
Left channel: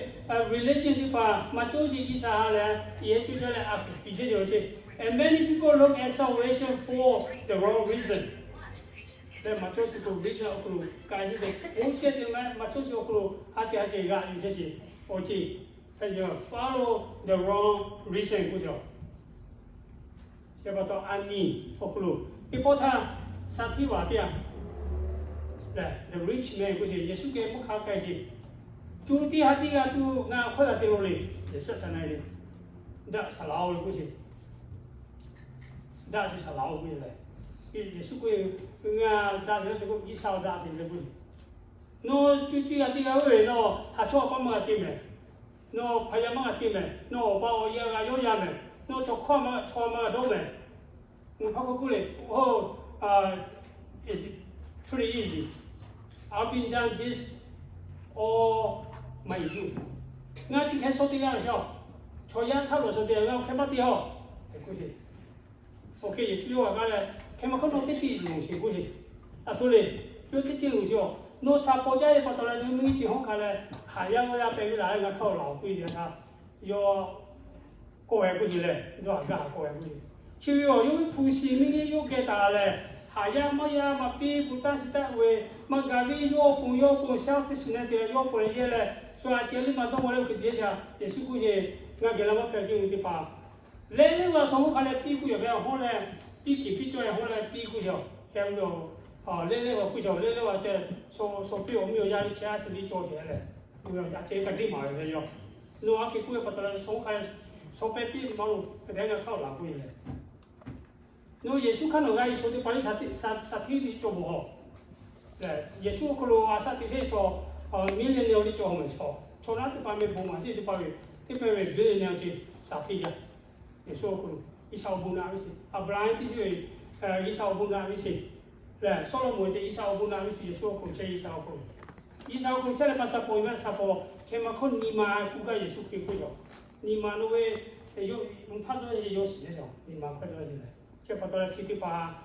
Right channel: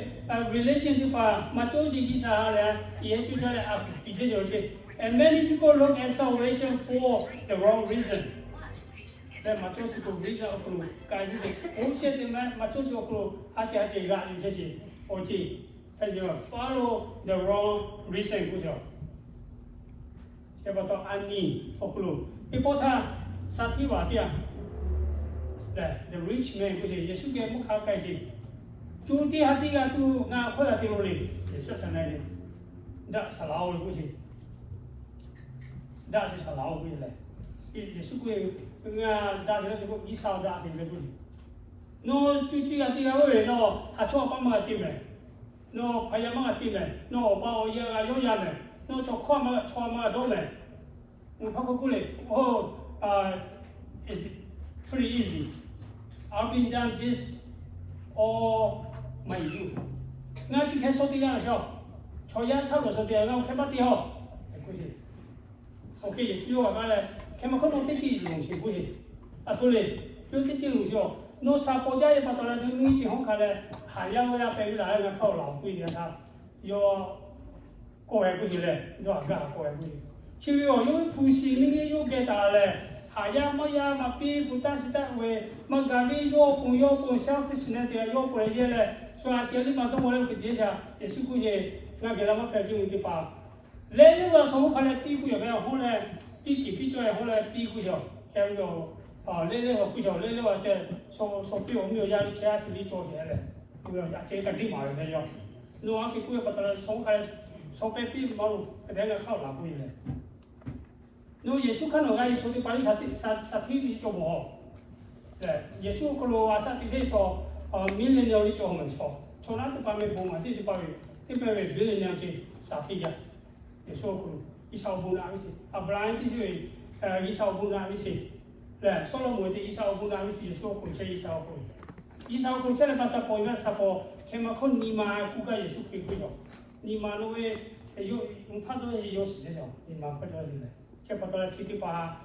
religion di pa macosi kisah le, ia tu le aku pijak je. And many people look at salvation for the wrong reason. Le macosi tu reason aku kaji je. Worship dengan macosi aku hati gak ni je. Oji, follow the wrong reason kujo. Siapa tahu ani aku. Ibu ta sati watia. the rich man ကို耶稣给不卡开心，就地下地下就那快要丢了，耶稣在那里，那是老了过去，那是老回来，耶稣给那大家这个一烧大的过去，那就地下地下位那还错帮忙点没，那พยายามมา点没，那把我要要要没，那错跨嘛错嘛都没，我怕过来，哦，is pretty easy. I've been done this all my youth. 我只开手电的时候，坐一套的手电，我开不掉，过去。OK， 也是我讲了，开嘛可能得几路线过去，啊对嘞，有得几路线，那三国家也把到来，你只好看了，还要我要背来，我靠老贵的他，要过来过去嘞，要干过来过去。其实哦，因为普西那个有给他嘞。Haya maya mapi buta sita we magavi yo pun selfish na dia yo pun ye le so a cheli ma dong wala ke dia cha yesu ku ye na gela ma phe ju ti pa le le wa so mo khale pi ku ye ba ho le pi ki pi jo ye ho le pi ku yo ke bu yo le le wa ku jo le wa che so pi o mi yo ya li cha si li jo che le ku yo ya che ka di ma yo yo no a ke ku ye pa ta so ka so pe pi ma lu ke ga khao la ku ye no Yesus kan orang Yesus tu paling satu ni cuma ho, Yesus kalau asal kita cuma milenial ni cuma macam, cuma tu pamer boma sih tu pamer milenial je satu je, Yesus kalau Isau buna mesti, Abraham tu je Isau buna mesti, Solomon tu Isau buna mesti Yesus kalau cakap Isau kalau cakap pasal poin pasal kemakon nima kuka Yesus kekujo, nima nuwe yo umpan tu yo sih je, nima kerja je. 这不到这个把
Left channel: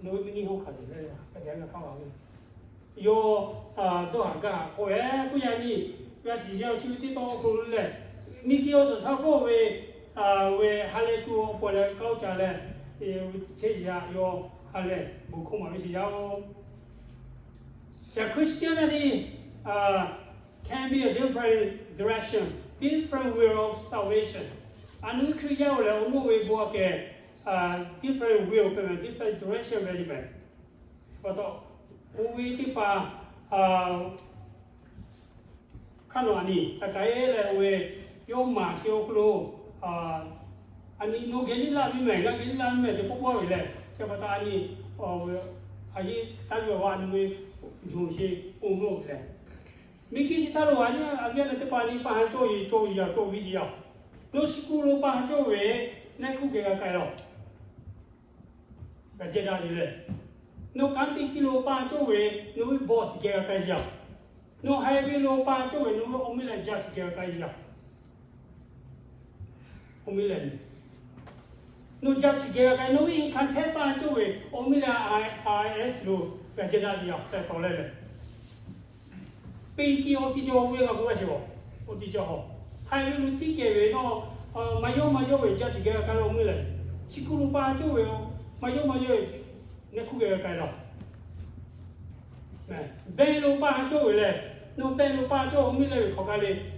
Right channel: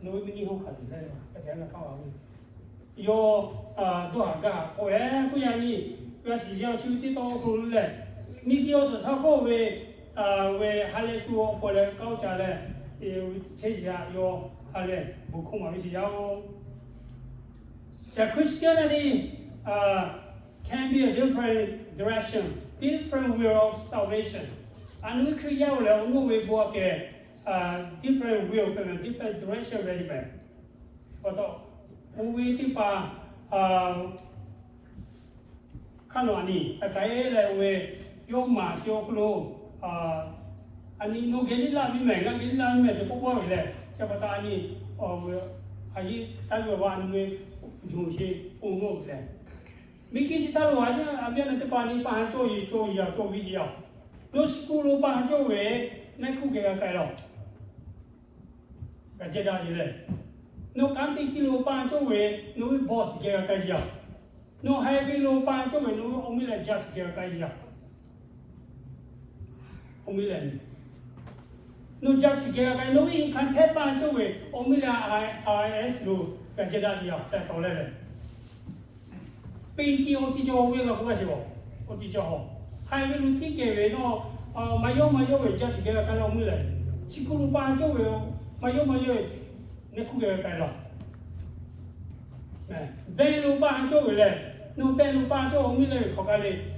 农民以后看的了，大家那看完了，有多少个？我哎，不然你那时间就得到过了，你就是差不多为还来做过来搞家了，这下要还来不空嘛，就是要。The Christianity can be a different direction, different way of salvation. 安we create了，我为不给。different will, different direction management. Betul. Uwi tipa kano ni, takai le we yung masih oklo ani no gini lah mime, nak gini lah mime, tu pun le. Siapa tahu ani aji tahu wan we jusi umur le. Mungkin kita luar ni, ada nanti pani pahan cuy ya. No sekolah pahan cuy, nak kuke kai lo. Kerja ni le, no kanti kilo panco we, no boss kaya kaya, no high kilo panco we, no omilan judge kaya kaya, omilan, no judge kaya kaya, no ikan teh panco we, omilan IS lo kerja ni saya tahu le. Pergi oti jauh we aku rasa oti jauh, high kilo tiga we no mayo we judge kaya kaya omilan, sekolah panco we. Mayo nak kuya kaya lah. Belu pa jo le, no belu pa jo mi le kau kali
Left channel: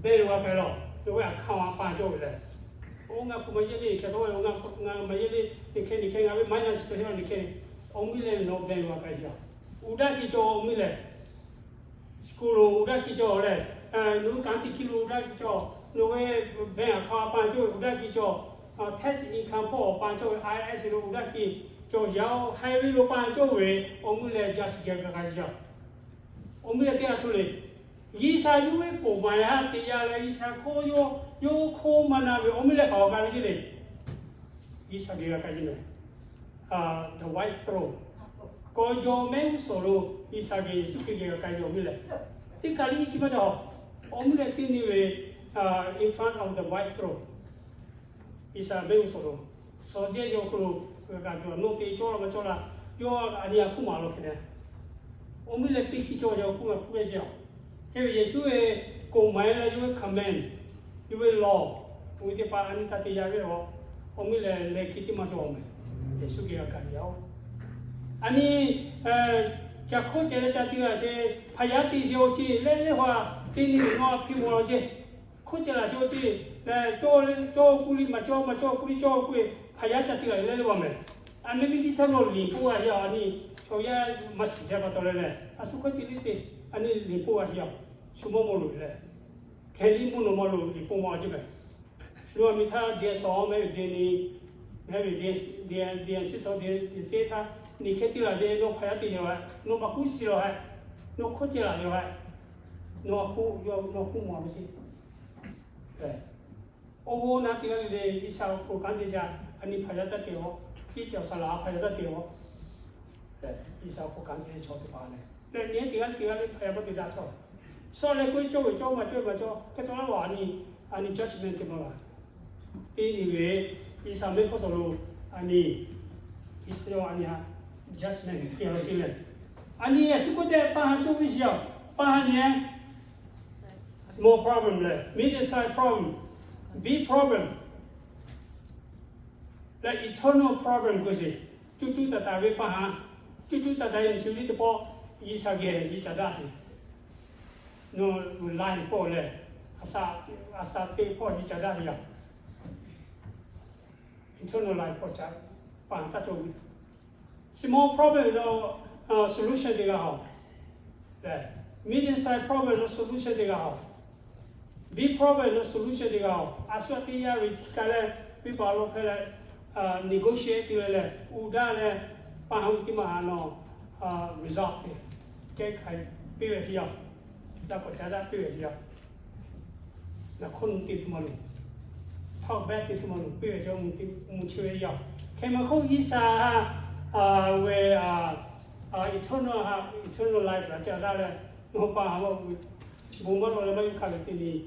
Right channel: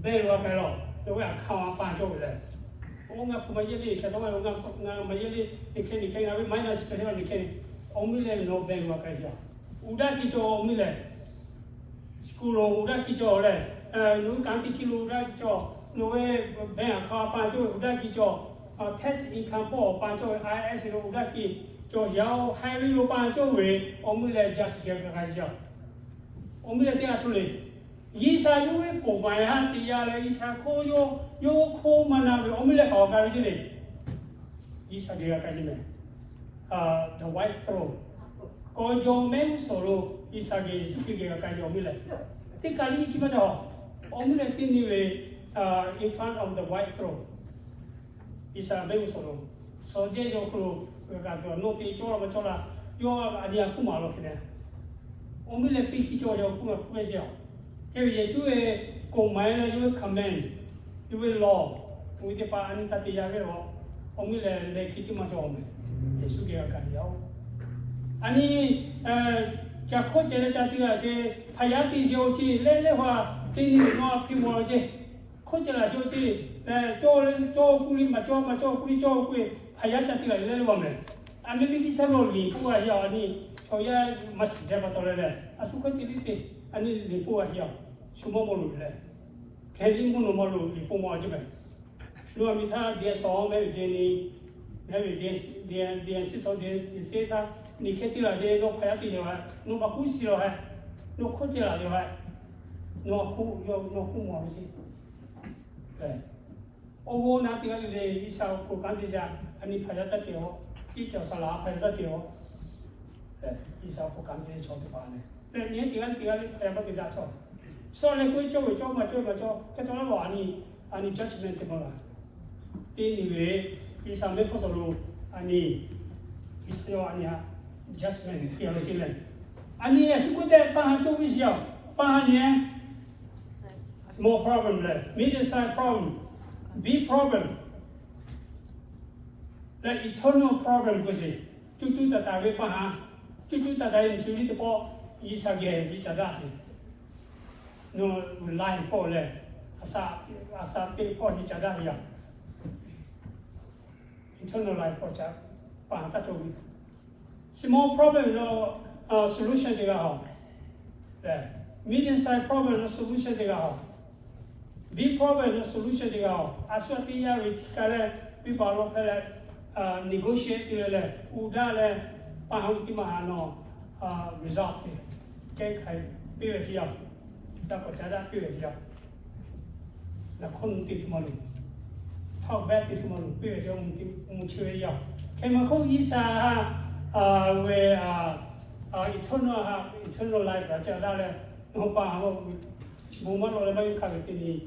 belu kaya lah. Jauh yang kawan pa jo le. Orang aku mayo ni, kalau orang mayo ni, ni kena mana sih ni kena. Orang mi le no belu kaya. Udah kita mi le. Sekolah udah kita le. No kanti kilo udah kita. No banyak kawan pa jo udah kita. Test income po panco IS lo udah ki jo yao highway lo panco we omule just get ka ja omule te atule yisa lu le po ma ya ti ya le yisa ko yo ko mana we omule ka ka ri le yisa ge ka ji me the white throne ko jo me solo yisa ge su ki ge ka jo omule te ka ri ki ma ja omule ti ni we in front of the white throne Isa bayu soro, soje yo kulu kagak no ti cola macam yo ada aku malu kena. Omi lepi kita yo aku nggak punya jauh. Jadi Yesus komai na yo command, yo law. Mungkin pak ani tadi jaga yo. Omi le kita macam omi. Yesus kira kan yo. Ani jakho jadi lah se payati yo ci le wah ini no api mo je. Kau jelah yo ci. Coba kulit macam kulit payah jadi lah, lalu apa? Anda ni kita rolling, kuah ya ni so ya mas jaba tolele asu ko tilite ani lipo ahiya sumo molu le keli muno molu lipo mo ajibe lu amitha dia so me deni me dia si so dia seta ni kheti la je no phaya ti yo no ba ku si lo ha no kho ti la yo ha no ku mo si ô na tiếng anh đây đi sau cố gắng đi ra anh đi phải ra tiểu đi chợ sả lá phải ra tiểu đi sau cố gắng đi cho cái bạn này để nhớ tiếng anh phải có cái giá cho sau này cứ cho mà cho cái đó là anh judgment thì mà đi về đi sau mấy có số lượng anh đi anh ya judgment thì là cái này anh đi chỉ có để bạn cho cái gì à bạn nhé small problem này medium size problem big problem, like eternal problem ko si. Cucu tata we paha, cucu tata yang cumi tu po isage isada si. No line po le, asa te po isada ya. Eternal line po cha, paha ta tu. Small problem no solution dia hao. Medium size problem no solution dia hao. Big problem no solution dia hao. Aswati ya ritikale pipalo pele negotiate le uda le pahang ti mahano result ke khai pi ve sia da ko cha da pi ve sia da khon ti malu thao ba ti malu pi ve sia chue ya ke ma ko yi sa we eternal life la cha da le no pa ha mo ma lo le ba ka ti ni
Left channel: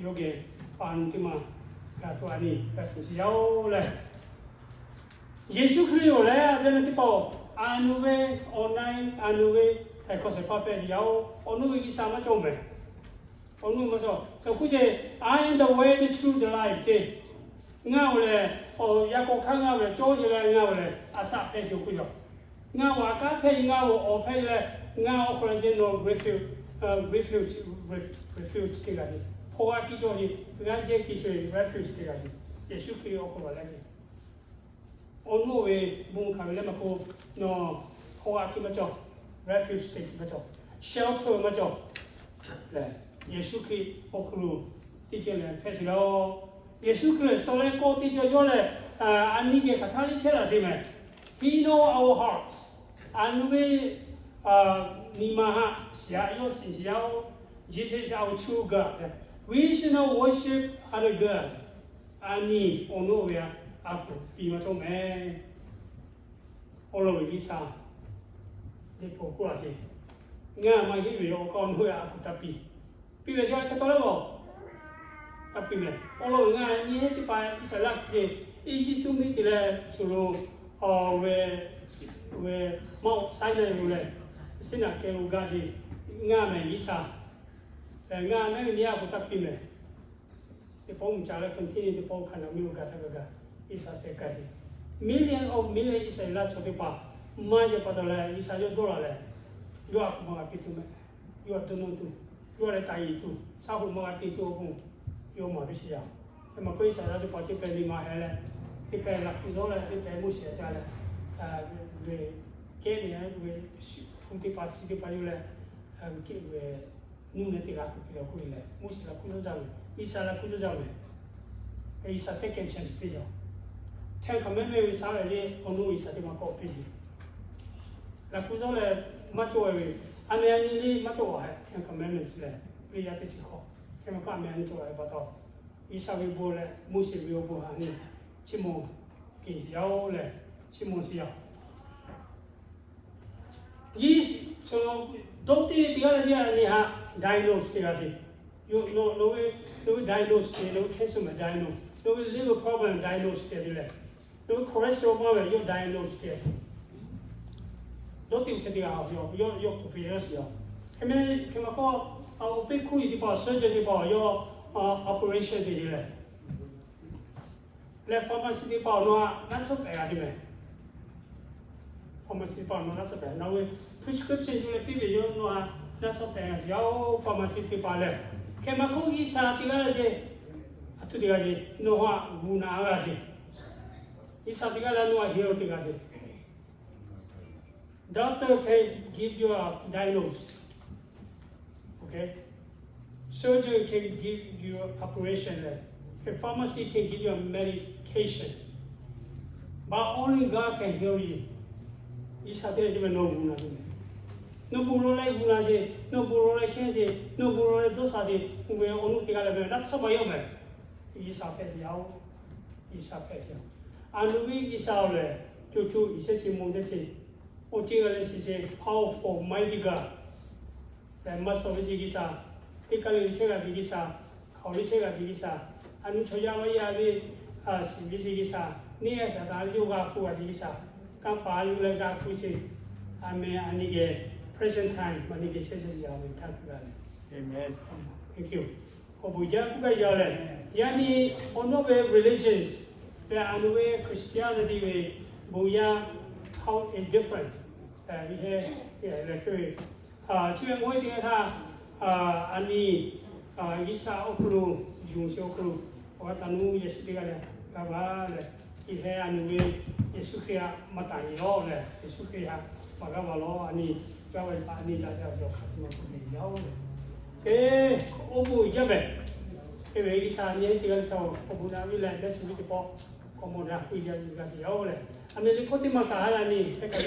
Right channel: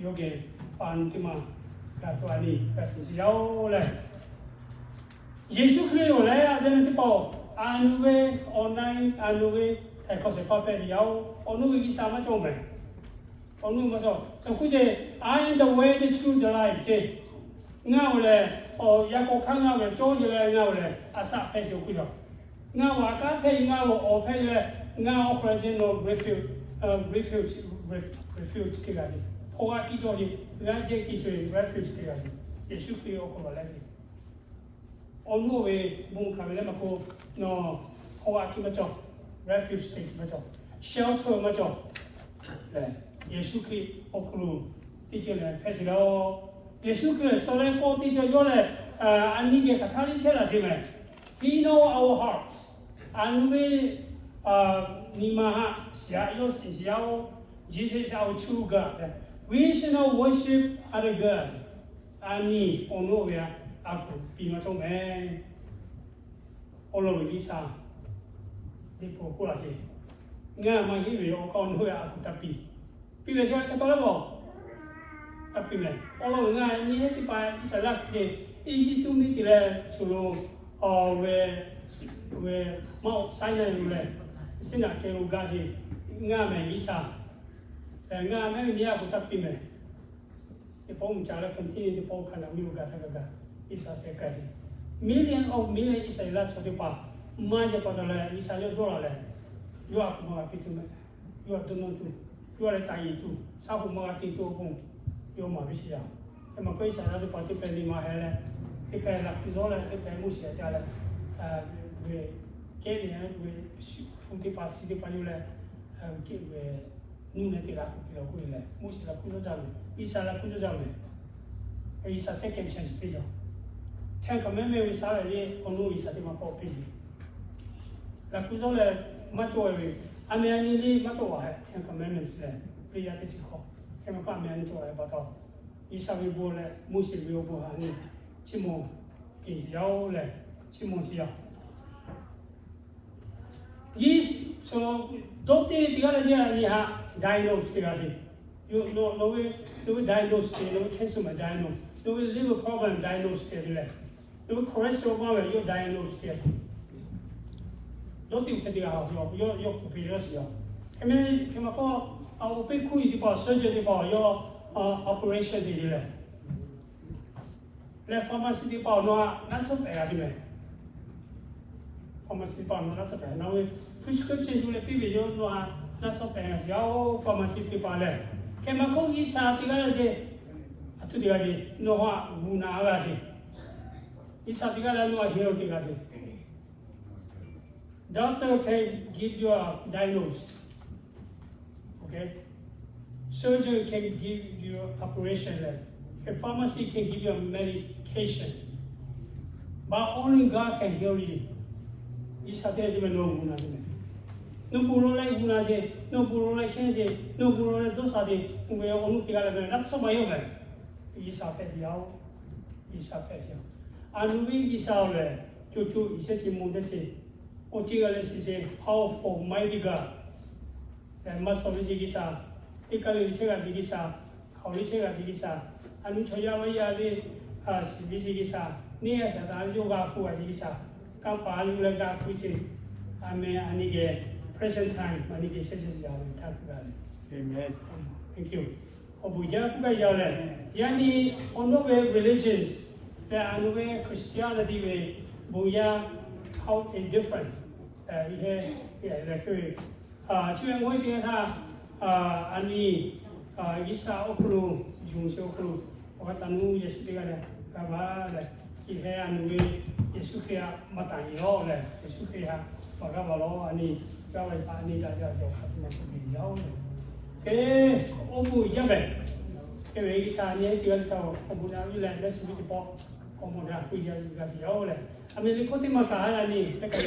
yoge pan ti ma ka to ani ka si yao le Yesu Christ le aveva tipo anuve online anuve cose proprio di onu gi sama chome onu ma so kuje I am the way the truth the life je nga le o ya ko khang nga le cho je le nga le asa pe ju ku yo nga wa ka pe nga wo o pe le nga o present no refuge ti ga ni ho wa ki jo ni nga je ki jo refuge ti ga ni Yesu Christ o ko la ni onu we bung kang le ma ko no hoa ki ma cho refuge state ma cho shelter ma cho le Yesu Christ o kru ti che le phe si lo Yesu Christ so le ko ti che yo le ani ke ka tha li che la si me we know our hearts and we ni ma ha sia yo si sia o Jesus is our true God we should not worship other God ani onu we aku pi ma trong me olo we isa de po ko la si nga ma hi we o kon hu aku tapi pi le ja ka to lo tapi me olo nga ni ti pa isa la je e ji tu mi ti le chu lo o we mo sai le lu le sin na ke lu ga di nga me isa nga me ni aku tapi me te po cha la continue te po kana mi lu ga ta ga isa se kai million isa la chote pa ma je pa la isa yo do la yo ak ma ki tu me yo do no tu yo le tai tu sa hu ma ti tu hu yo ma bi sia e ma ko isa la do pa ti pe ni ma he ti pe la ku zo la ti pe mu sia cha la we ke ni ha we fu ti pa si ti pa yo le ke we nu ne ti la ku pi ko le mu sia la ku zo ja me isa la ku zo ja me isa second chance pe jo Ten commandment we saw le onu isa te ma ko pe la ku zo le ma to we a me ani le ma to wa ten commandments le we ya te chi ko ke ma ka me ani to wa ba to isa we bo le mu si we bo ha ni chi mo ki yao le chi mo si ya yi so do te di ga ja ni ha diagnose te ga si you no we diagnose te no cancer ma diagnose no we liver problem diagnose te le no cholesterol ma we yo diagnose te don't think that yo prepares yo ke ma ko au pe ku di pa surgery di pa yo operation di le pharmacy di pa no na so pe ga di me pharmacy pa no na so pe na we prescription yo le pi be yo no na so pe ga yo pharmacy di pa le ke ma ko yi sa ti ga je atu di ga di no ha bu na ga si isa ti ga la no ha hero ti ga si Doctor can give you a diagnosis. Okay? Surgeon can give you operation. A pharmacy can give you a medication. But only God can heal you. This is the no no buru like Bunaje, no buru like Kenji, no buru like Dosaji, who will only take a not so my own. Is a pet yao, is a pet yao. And we is our to is a Moses. Otigalis is a powerful, mighty God. The master of Zigisa, Ikalu Chega Zigisa, Kaulichega Zigisa, and Choyama as Zigisa, near Yoga Zigisa, Kafa Lega Pussy, I may anigate present time when it is Amen. Thank you. Obuja Yale. Yani, on no way religions, there are no way Christianity way, Buya, how is different. Like, Chiang Wai Dia, Ani, Isa Okulu, Jung Okulu, Watanu, Yesugala, Gava, Ihe, and we, Yesukia, Matani, all that, Yesukia, Magavalo, Ani, Gawai Pani, that you have Eh, Obu Jabe. If it's a year, you have Obuda, we let us be the ball, Comoda, we get Gazio. I mean, you put him a car and he take a